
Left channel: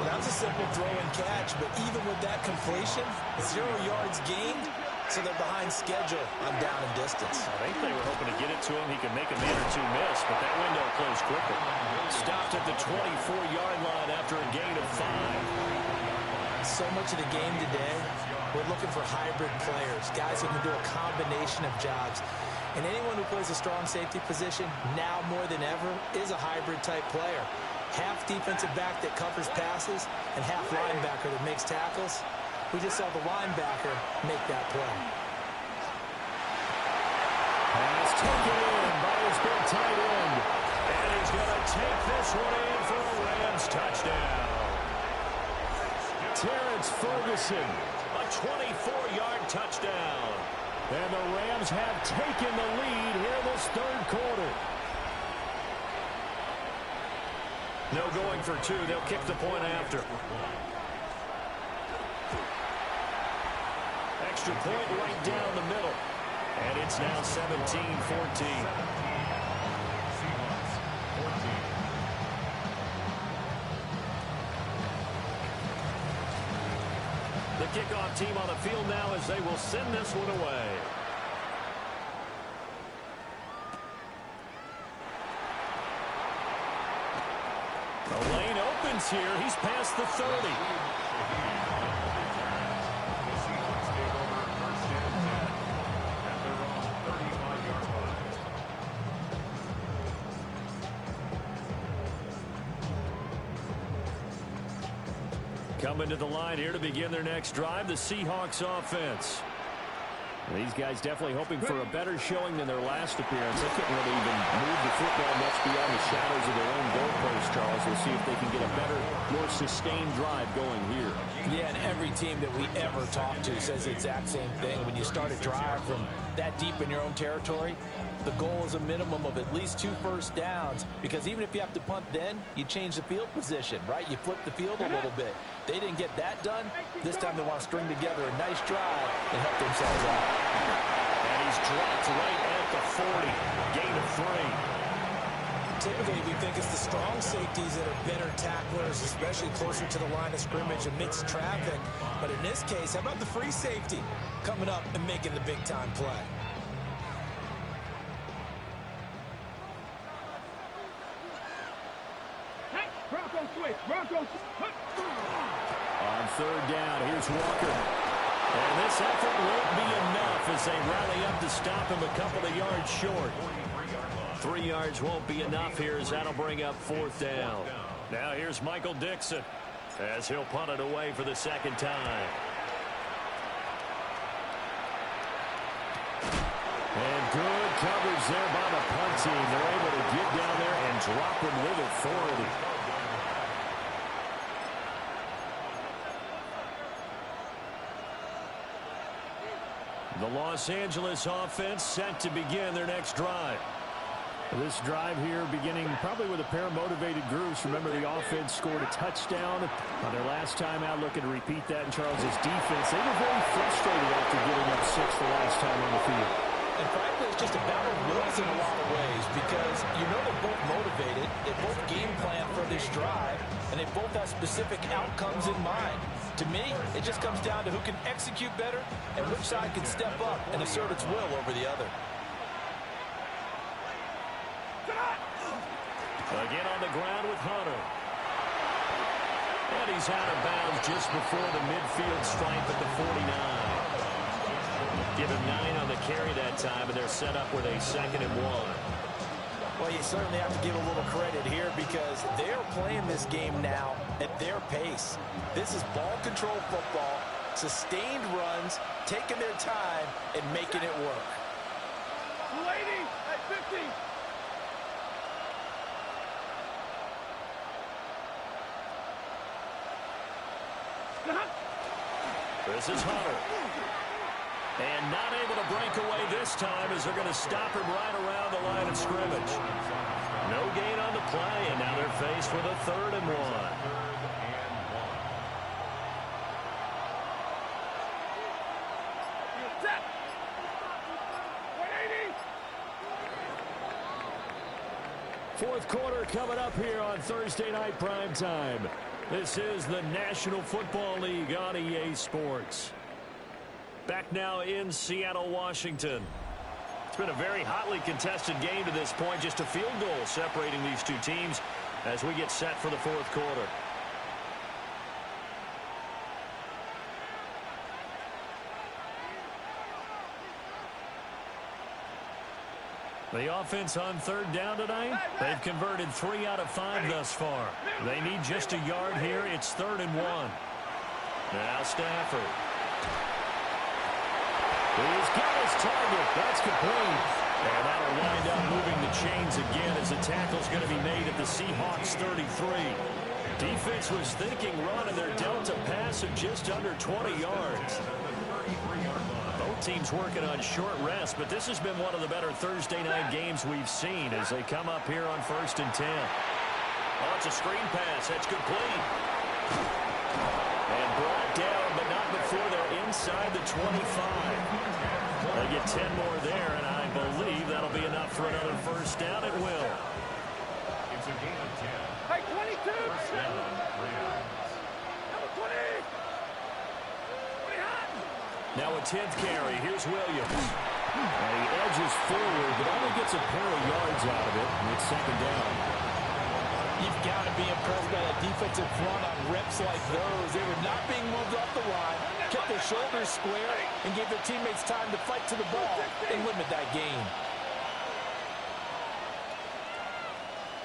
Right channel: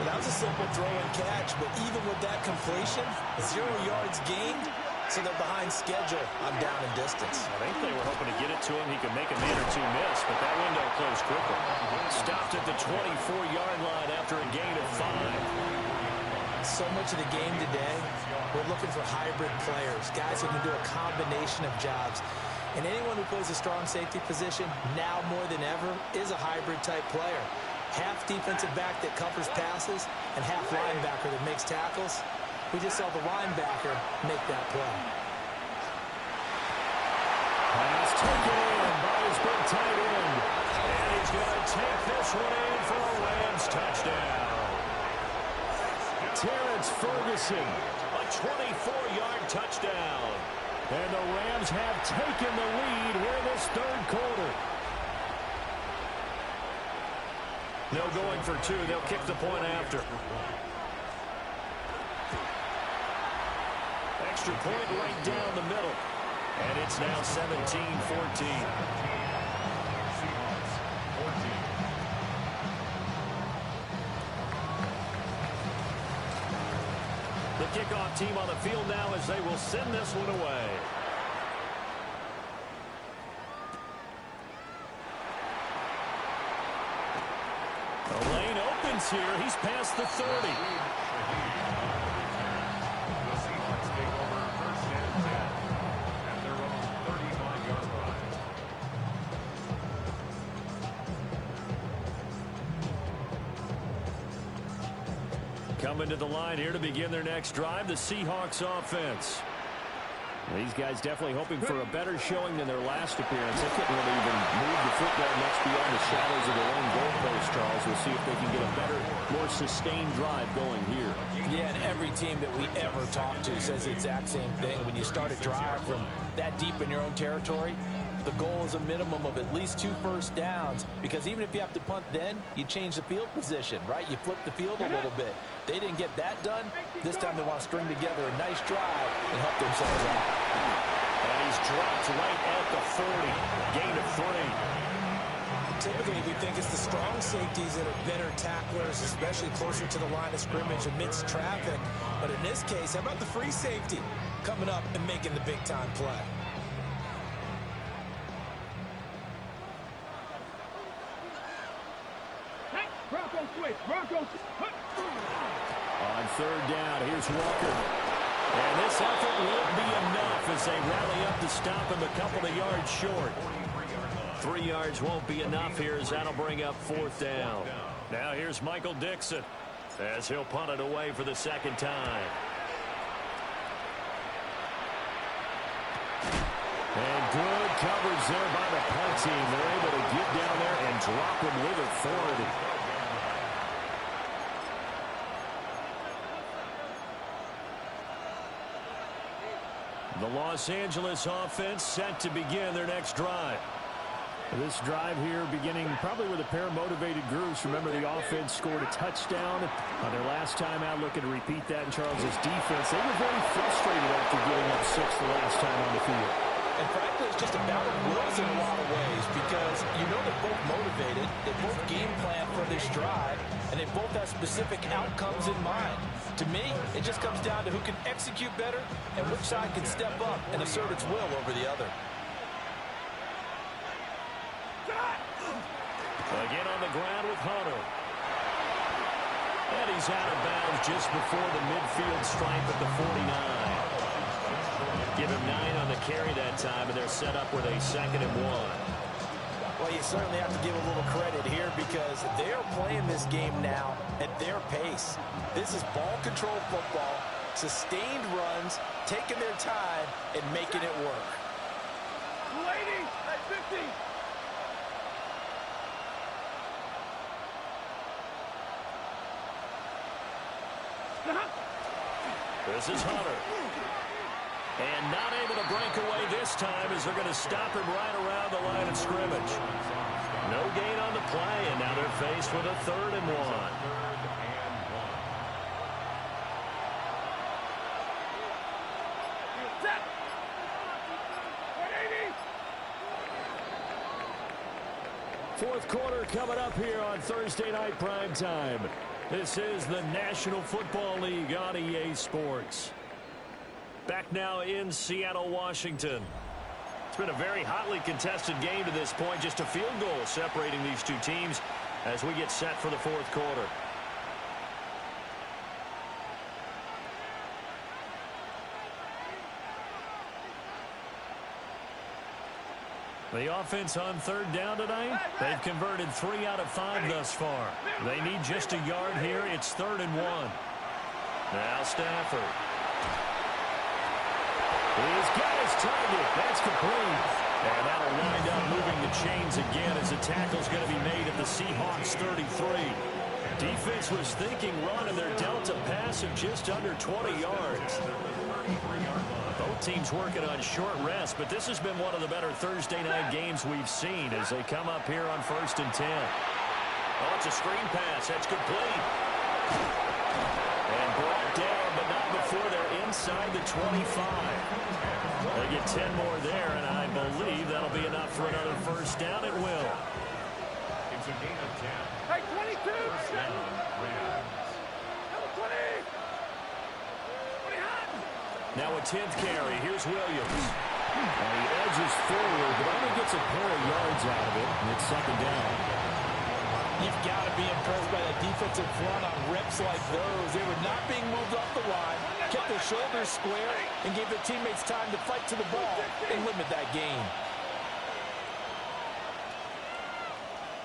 Well, that was a simple throw and catch, but even with that completion, 0 yards gained, so they're behind schedule on down and distance. I think they were hoping to get it to him. He could make a man or two miss, but that window closed quicker. Stopped at the 24-yard line after a gain of 5. So much of the game today, we're looking for hybrid players, guys who can do a combination of jobs. And anyone who plays a strong safety position, now more than ever, is a hybrid type player. Half defensive back that covers passes and half linebacker that makes tackles. We just saw the linebacker make that play. Pass taken in by his big tight end. And he's going to take this one in for a Rams touchdown. Terrence Ferguson, a 24-yard touchdown. And the Rams have taken the lead here in this 3rd quarter. No going for 2. They'll kick the point after. Extra point right down the middle. And it's now 17-14. Seahawks, 14. The kickoff team on the field now as they will send this one away. The lane open gains here. He's past the 30. The Seahawks take over first and 10 at their own 35-yard line. Coming to the line here to begin their next drive, the Seahawks offense. These guys definitely hoping for a better showing than their last appearance. They couldn't really even move the football much beyond the shadows of their own goalpost, Charles. We'll see if they can get a better, more sustained drive going here. Yeah, and every team that we ever talk to says the exact same thing. When you start a drive from that deep in your own territory, the goal is a minimum of at least 2 first downs, because even if you have to punt then, you change the field position, right? You flip the field a little bit. They didn't get that done. This time they want to string together a nice drive and help themselves out. And he's dropped right at the 40. Gain of 3. Typically, we think it's the strong safeties that are better tacklers, especially closer to the line of scrimmage amidst traffic. But in this case, how about the free safety coming up and making the big-time play? Bronco switch. Bronco. On third down, here's Walker. And this effort won't be enough as they rally up to stop him a couple of yards short. 3 yards won't be enough here as that'll bring up fourth down. Now here's Michael Dixon as he'll punt it away for the second time. And good coverage there by the punt team. They're able to get down there and drop him with authority. The Los Angeles offense set to begin their next drive. This drive here beginning probably with a pair of motivated groups. Remember, the offense scored a touchdown on their last time out, looking to repeat that in Charles's defense. They were very frustrated after giving up 6 the last time on the field. And frankly, it's just a battle of wills in a lot of ways, because you know they're both motivated, they both game plan for this drive, and they both have specific outcomes in mind. To me, it just comes down to who can execute better and which side can step up and assert its will over the other. Again on the ground with Hunter. And he's out of bounds just before the midfield stripe at the 49. Give him 9 on the carry that time, and they're set up with a 2nd and 1. Well, you certainly have to give a little credit here, because they're playing this game now at their pace. This is ball control football, sustained runs, taking their time, and making it work. 280 at 50. This is Hunter. And not able to break away this time as they're going to stop him right around the line of scrimmage. No gain on the play, and now they're faced with a 3rd and 1. Set. 180. Fourth quarter coming up here on Thursday Night Primetime. This is the National Football League on EA Sports. Back now in Seattle, Washington. It's been a very hotly contested game to this point. Just a field goal separating these two teams as we get set for the fourth quarter. The offense on third down tonight, they've converted 3 out of 5 thus far. They need just a yard here. It's 3rd and 1. Now Stafford. He's got his target. That's complete. And that'll wind up moving the chains again as the tackle's going to be made at the Seahawks 33. Defense was thinking run, and they're dealt a pass of just under 20 yards. Both teams working on short rest, but this has been one of the better Thursday night games we've seen as they come up here on 1st and 10. Oh, it's a screen pass. That's complete. And brought down, but not before they're inside the 25. They get 10 more there, and I believe that'll be enough for another first down. It will. It's a gain of 10. Hey, 22. First down, Rams. Number 20. 20 hot. Now a 10th carry. Here's Williams. And he edges forward, but only gets a pair of yards out of it, and it's 2nd down. You've got to be impressed by that defensive front on reps like those. They were not being moved off the line, kept their shoulders square, and gave their teammates time to fight to the ball and limit that gain.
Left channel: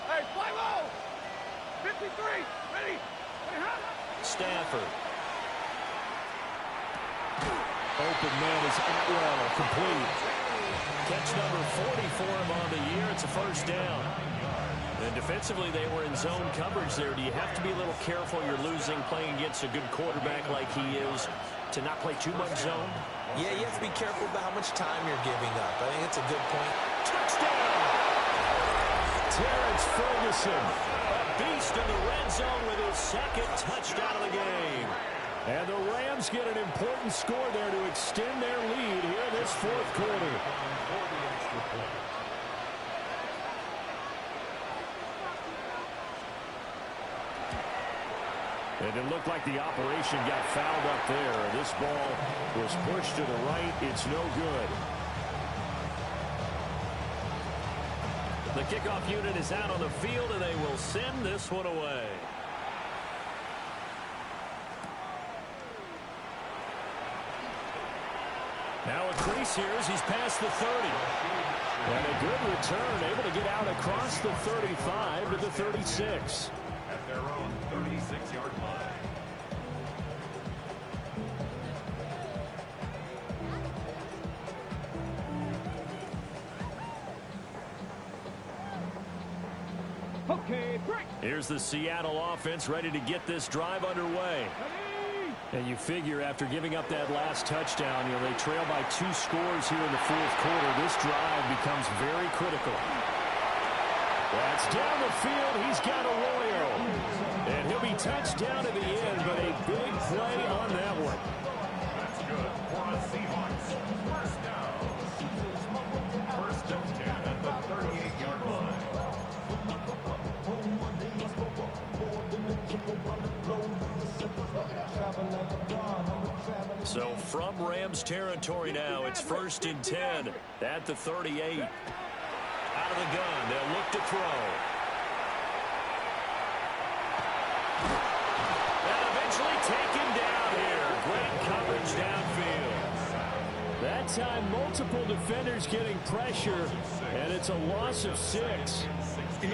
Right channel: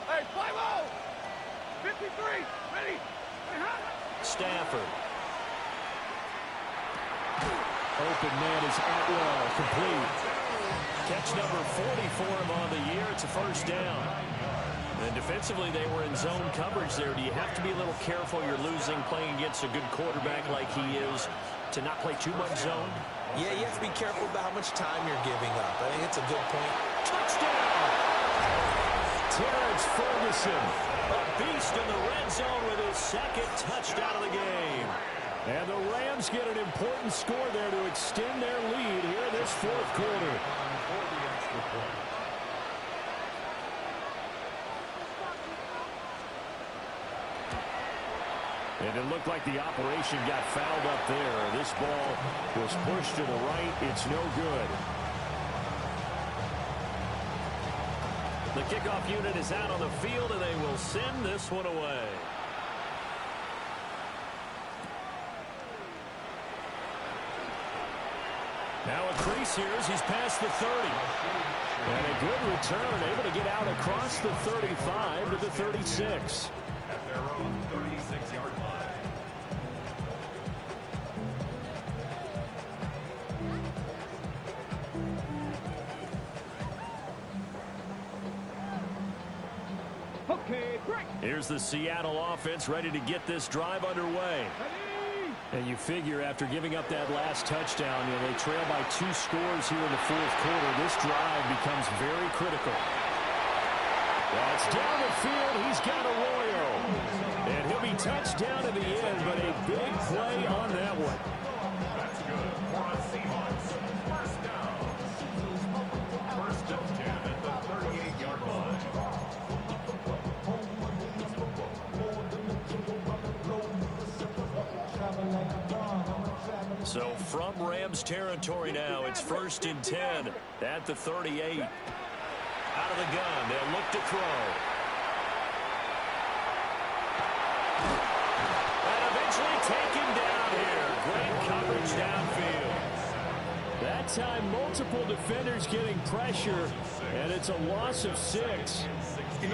Hey, 5-0! 53, ready? Stafford. Open man is Atwell, complete. Catch number 40 for him on the year. It's a first down. And defensively, they were in zone coverage there. Do you have to be a little careful? You're losing, playing against a good quarterback like he is, to not play too much zone? Yeah, you have to be careful about how much time you're giving up. I think it's a good point. Touchdown! Terrence Ferguson, a beast in the red zone with his second touchdown of the game. And the Rams get an important score there to extend their lead here in this fourth quarter. And it looked like the operation got fouled up there. This ball was pushed to the right. It's no good. The kickoff unit is out on the field, and they will send this one away. Now a crease here as he's past the 30. And a good return, able to get out across the 35 to the 36. At their own 36-yard line. Okay, break. Here's the Seattle offense ready to get this drive underway. And you figure after giving up that last touchdown, they trail by 2 scores here in the fourth quarter. This drive becomes very critical. That's down the field. He's got Arroyo. And he'll be touched down to the end, but a big play on that one. That's good for a Seahawks first down. First and 10 at the 38-yard line. So from Rams territory now, it's first and 10 at the 38. Out of the gun, they'll look to throw. And eventually taken down here. Great coverage downfield. That time, multiple defenders getting pressure, and it's a loss of 6.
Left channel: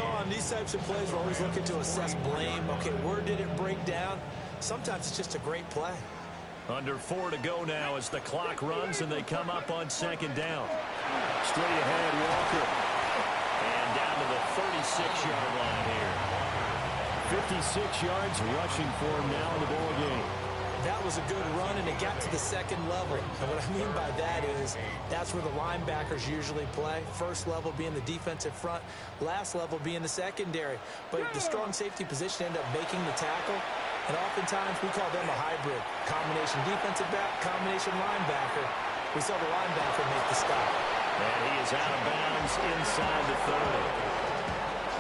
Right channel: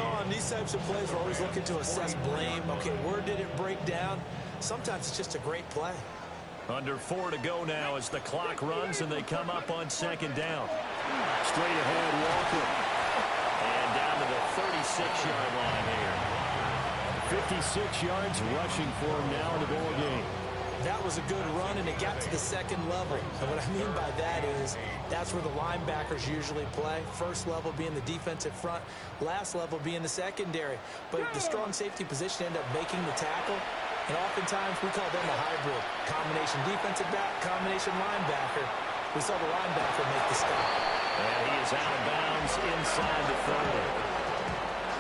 On these types of plays, we're always looking to assess blame. Okay, where did it break down? Sometimes it's just a great play. Under 4 to go now as the clock runs and they come up on second down. Straight ahead, Walker. And down to the 36-yard line here. 56 yards rushing for him now in the ball game. That was a good run, and it got to the second level. And what I mean by that is that's where the linebackers usually play. First level being the defensive front, last level being the secondary. But the strong safety position ended up making the tackle. And oftentimes we call them a hybrid. Combination defensive back, combination linebacker. We saw the linebacker make the stop. And he is out of bounds inside the 30.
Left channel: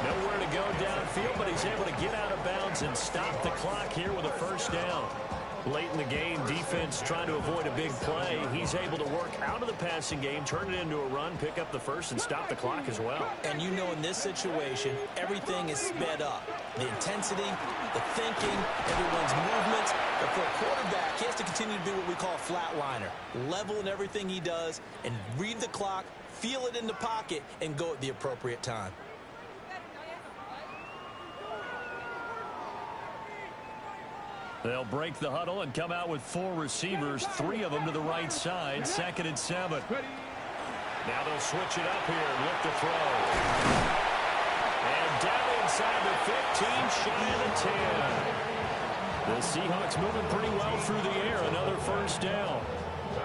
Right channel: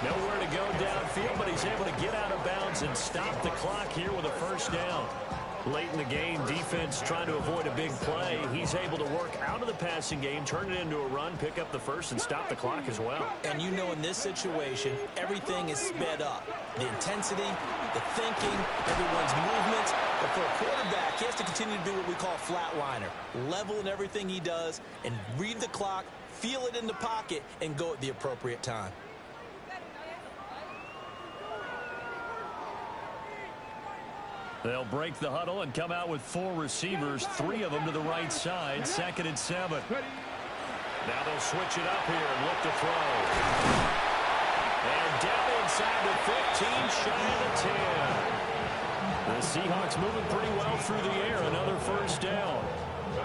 Nowhere to go downfield, but he's able to get out of bounds and stop the clock here with a first down. Late in the game, defense trying to avoid a big play. He's able to work out of the passing game, turn it into a run, pick up the first, and stop the clock as well. And in this situation, everything is sped up. The intensity, the thinking, everyone's movements. But for a quarterback, he has to continue to be what we call a flatliner. Level in everything he does and read the clock, feel it in the pocket, and go at the appropriate time. They'll break the huddle and come out with 4 receivers, 3 of them to the right side, second and 7. Now they'll switch it up here and look to throw. And down inside the 15, shy of the 10. The Seahawks moving pretty well through the air, another first down.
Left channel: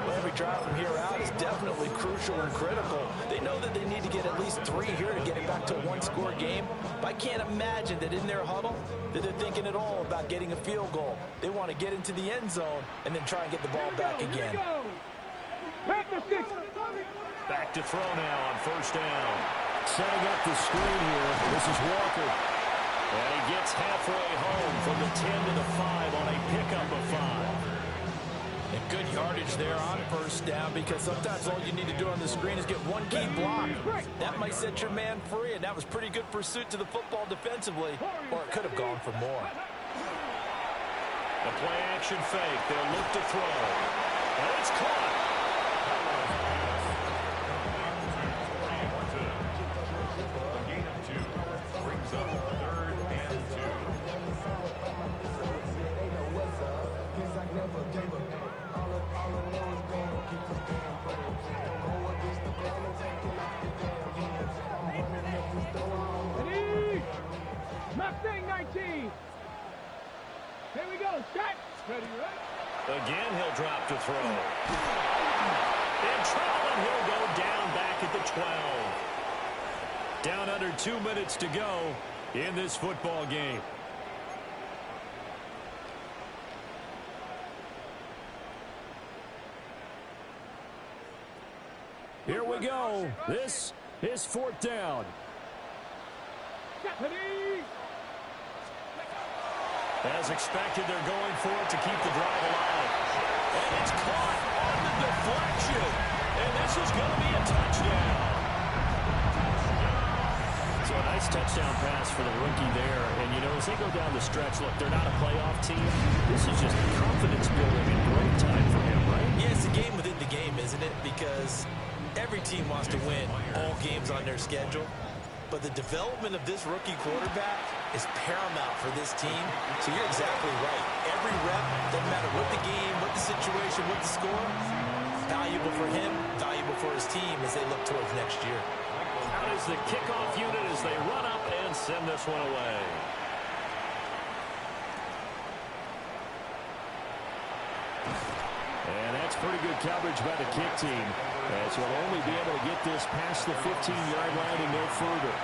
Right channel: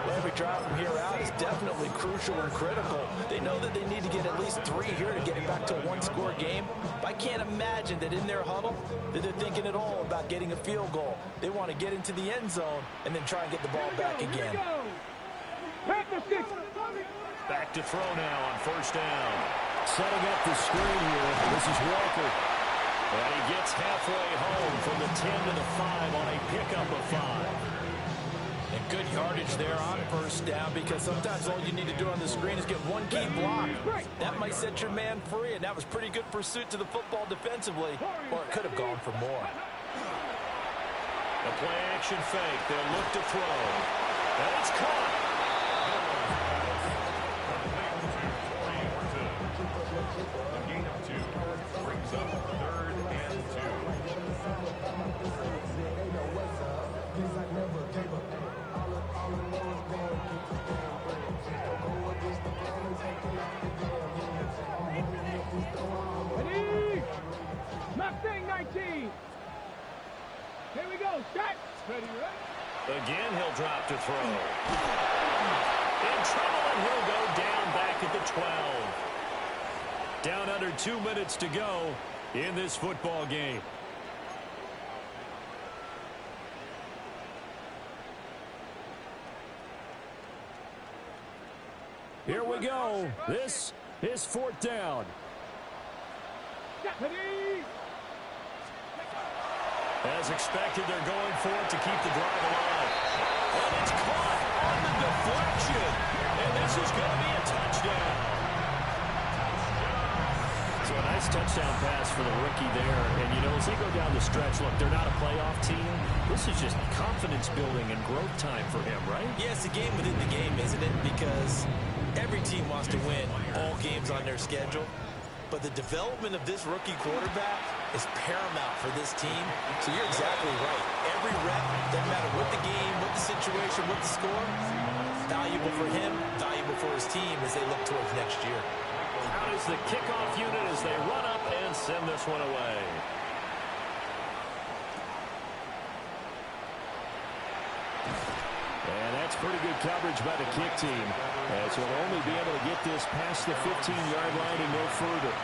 Well, every drive from here out is definitely crucial and critical. They know that they need to get at least 3 here to get it back to a 1-score game. But I can't imagine that in their huddle that they're thinking at all about getting a field goal. They want to get into the end zone and then try and get the ball back again. Back to throw now on first down. Setting up the screen here. This is Walker. And he gets halfway home from the 10 to the 5 on a pickup of 5. And Good yardage there on first down, because sometimes all you need to do on the screen is get one key block. That might set your man free, and that was pretty good pursuit to the football defensively, or it could have gone for more. The play action fake. They'll look to throw. And it's caught. A gain of 2 brings up 3rd and 2. Ready? Mustang 19. Here we go. Shot. Ready, right? Again, he'll drop to throw. In trouble, and he'll go down back at the 12. Down under 2 minutes to go in this football game. Here we go. This is 4th down. Ready? As expected, they're going for it to keep the drive alive. And it's caught on the deflection. And this is going to be a touchdown. So a nice touchdown pass for the rookie there. And, you know, as they go down the stretch, look, they're not a playoff team. This is just confidence building and growth time for him, right? Yeah, it's a game within the game, isn't it? Because every team wants to win all games on their schedule. But the development of this rookie quarterback is paramount for this team. So you're exactly right. Every rep, doesn't matter what the game, what the situation, what the score, valuable for him, valuable for his team as they look towards next year. Out is the kickoff unit as they run up and send this one away. And that's pretty good coverage by the kick team, as he'll only be able to get this past the 15-yard line and no further.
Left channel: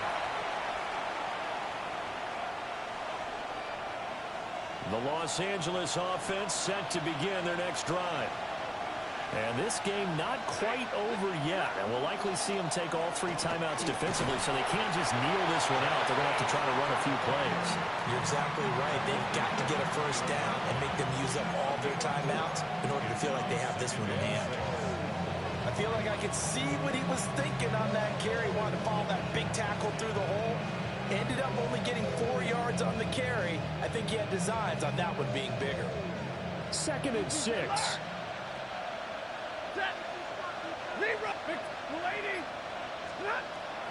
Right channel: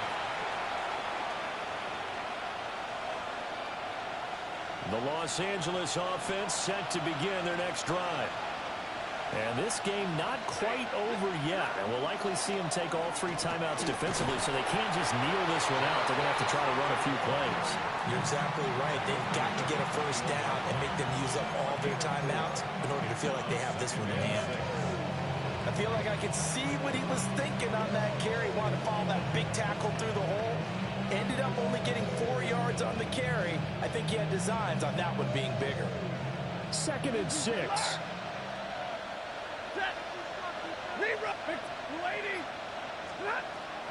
The Los Angeles offense set to begin their next drive. And this game not quite over yet, and we'll likely see them take all 3 timeouts defensively, so they can't just kneel this one out. They're going to have to try to run a few plays. You're exactly right. They've got to get a first down and make them use up all their timeouts in order to feel like they have this one in hand. I feel like I could see what he was thinking on that carry. Wanted to follow that big tackle through the hole. Ended up only getting 4 yards on the carry. I think he had designs on that one being bigger. 2nd and 6.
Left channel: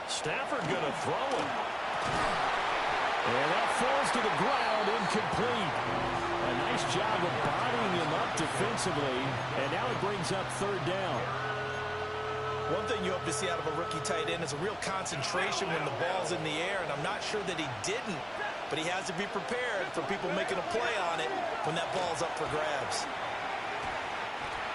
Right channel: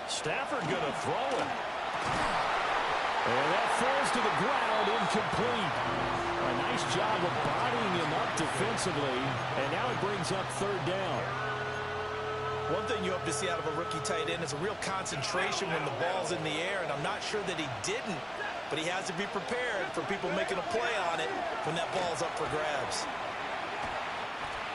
Stafford going to throw it. And that falls to the ground, incomplete. A nice job of bodying him up defensively. And now it brings up 3rd down. One thing you hope to see out of a rookie tight end is a real concentration when the ball's in the air, and I'm not sure that he didn't, but he has to be prepared for people making a play on it when that ball's up for grabs.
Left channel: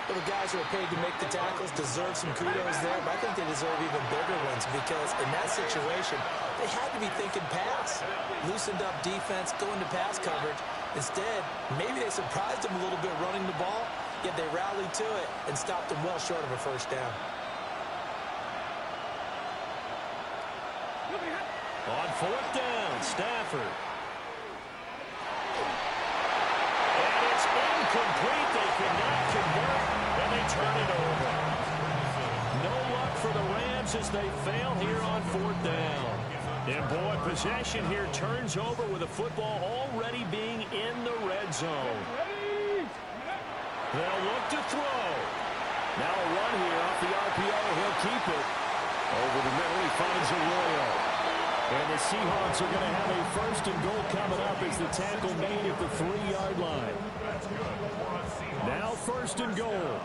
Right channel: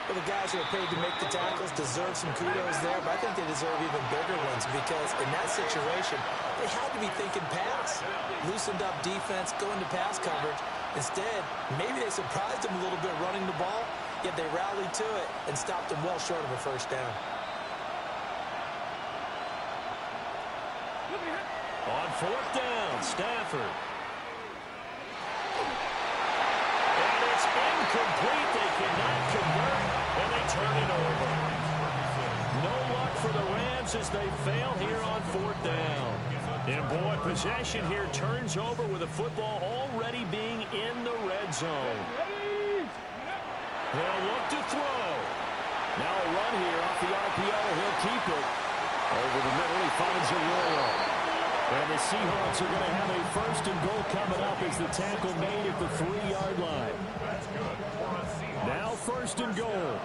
Well, the guys who are paid to make the tackles deserve some kudos there, but I think they deserve even bigger ones, because in that situation, they had to be thinking pass. Loosened up defense, going to pass coverage. Instead, maybe they surprised them a little bit running the ball, yet they rallied to it and stopped them well short of a first down. On 4th down, Stafford. And it's incomplete. They cannot convert, and they turn it over. No luck for the Rams as they fail here on 4th down. And boy, possession here turns over with the football already being in the red zone. They'll look to throw. Now a run here off the RPO. He'll keep it. Over the middle, he finds Arroyo. And the Seahawks are going to have a 1st and goal coming up as the tackle made at the 3-yard line. That's good for a Seahawks. Now 1st and goal.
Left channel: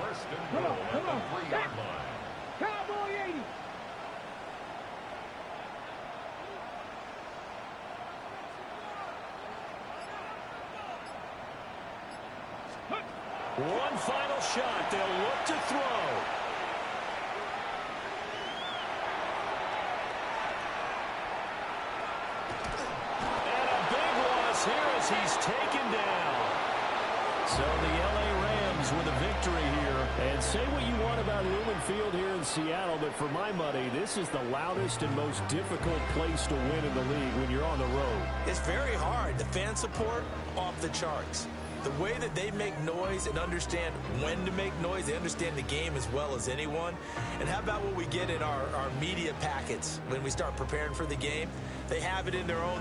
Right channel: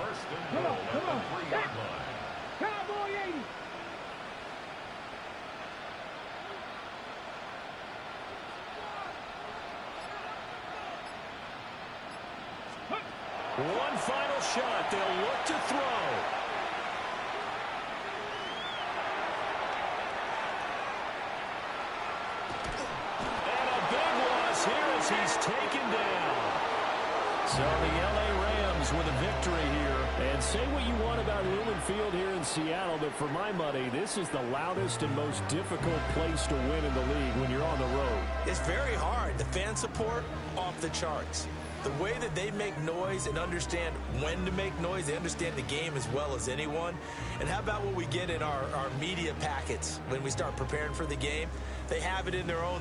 1st and goal at the 3-yard line. Cowboy 80. One final shot. They'll look to throw. Here as he's taken down. So the L.A. Rams with a victory here. And say what you want about Lumen Field here in Seattle, but for my money, this is the loudest and most difficult place to win in the league when you're on the road. It's very hard. The fan support, off the charts. The way that they make noise and understand when to make noise, they understand the game as well as anyone. And how about what we get in our media packets when we start preparing for the game? They have it in their own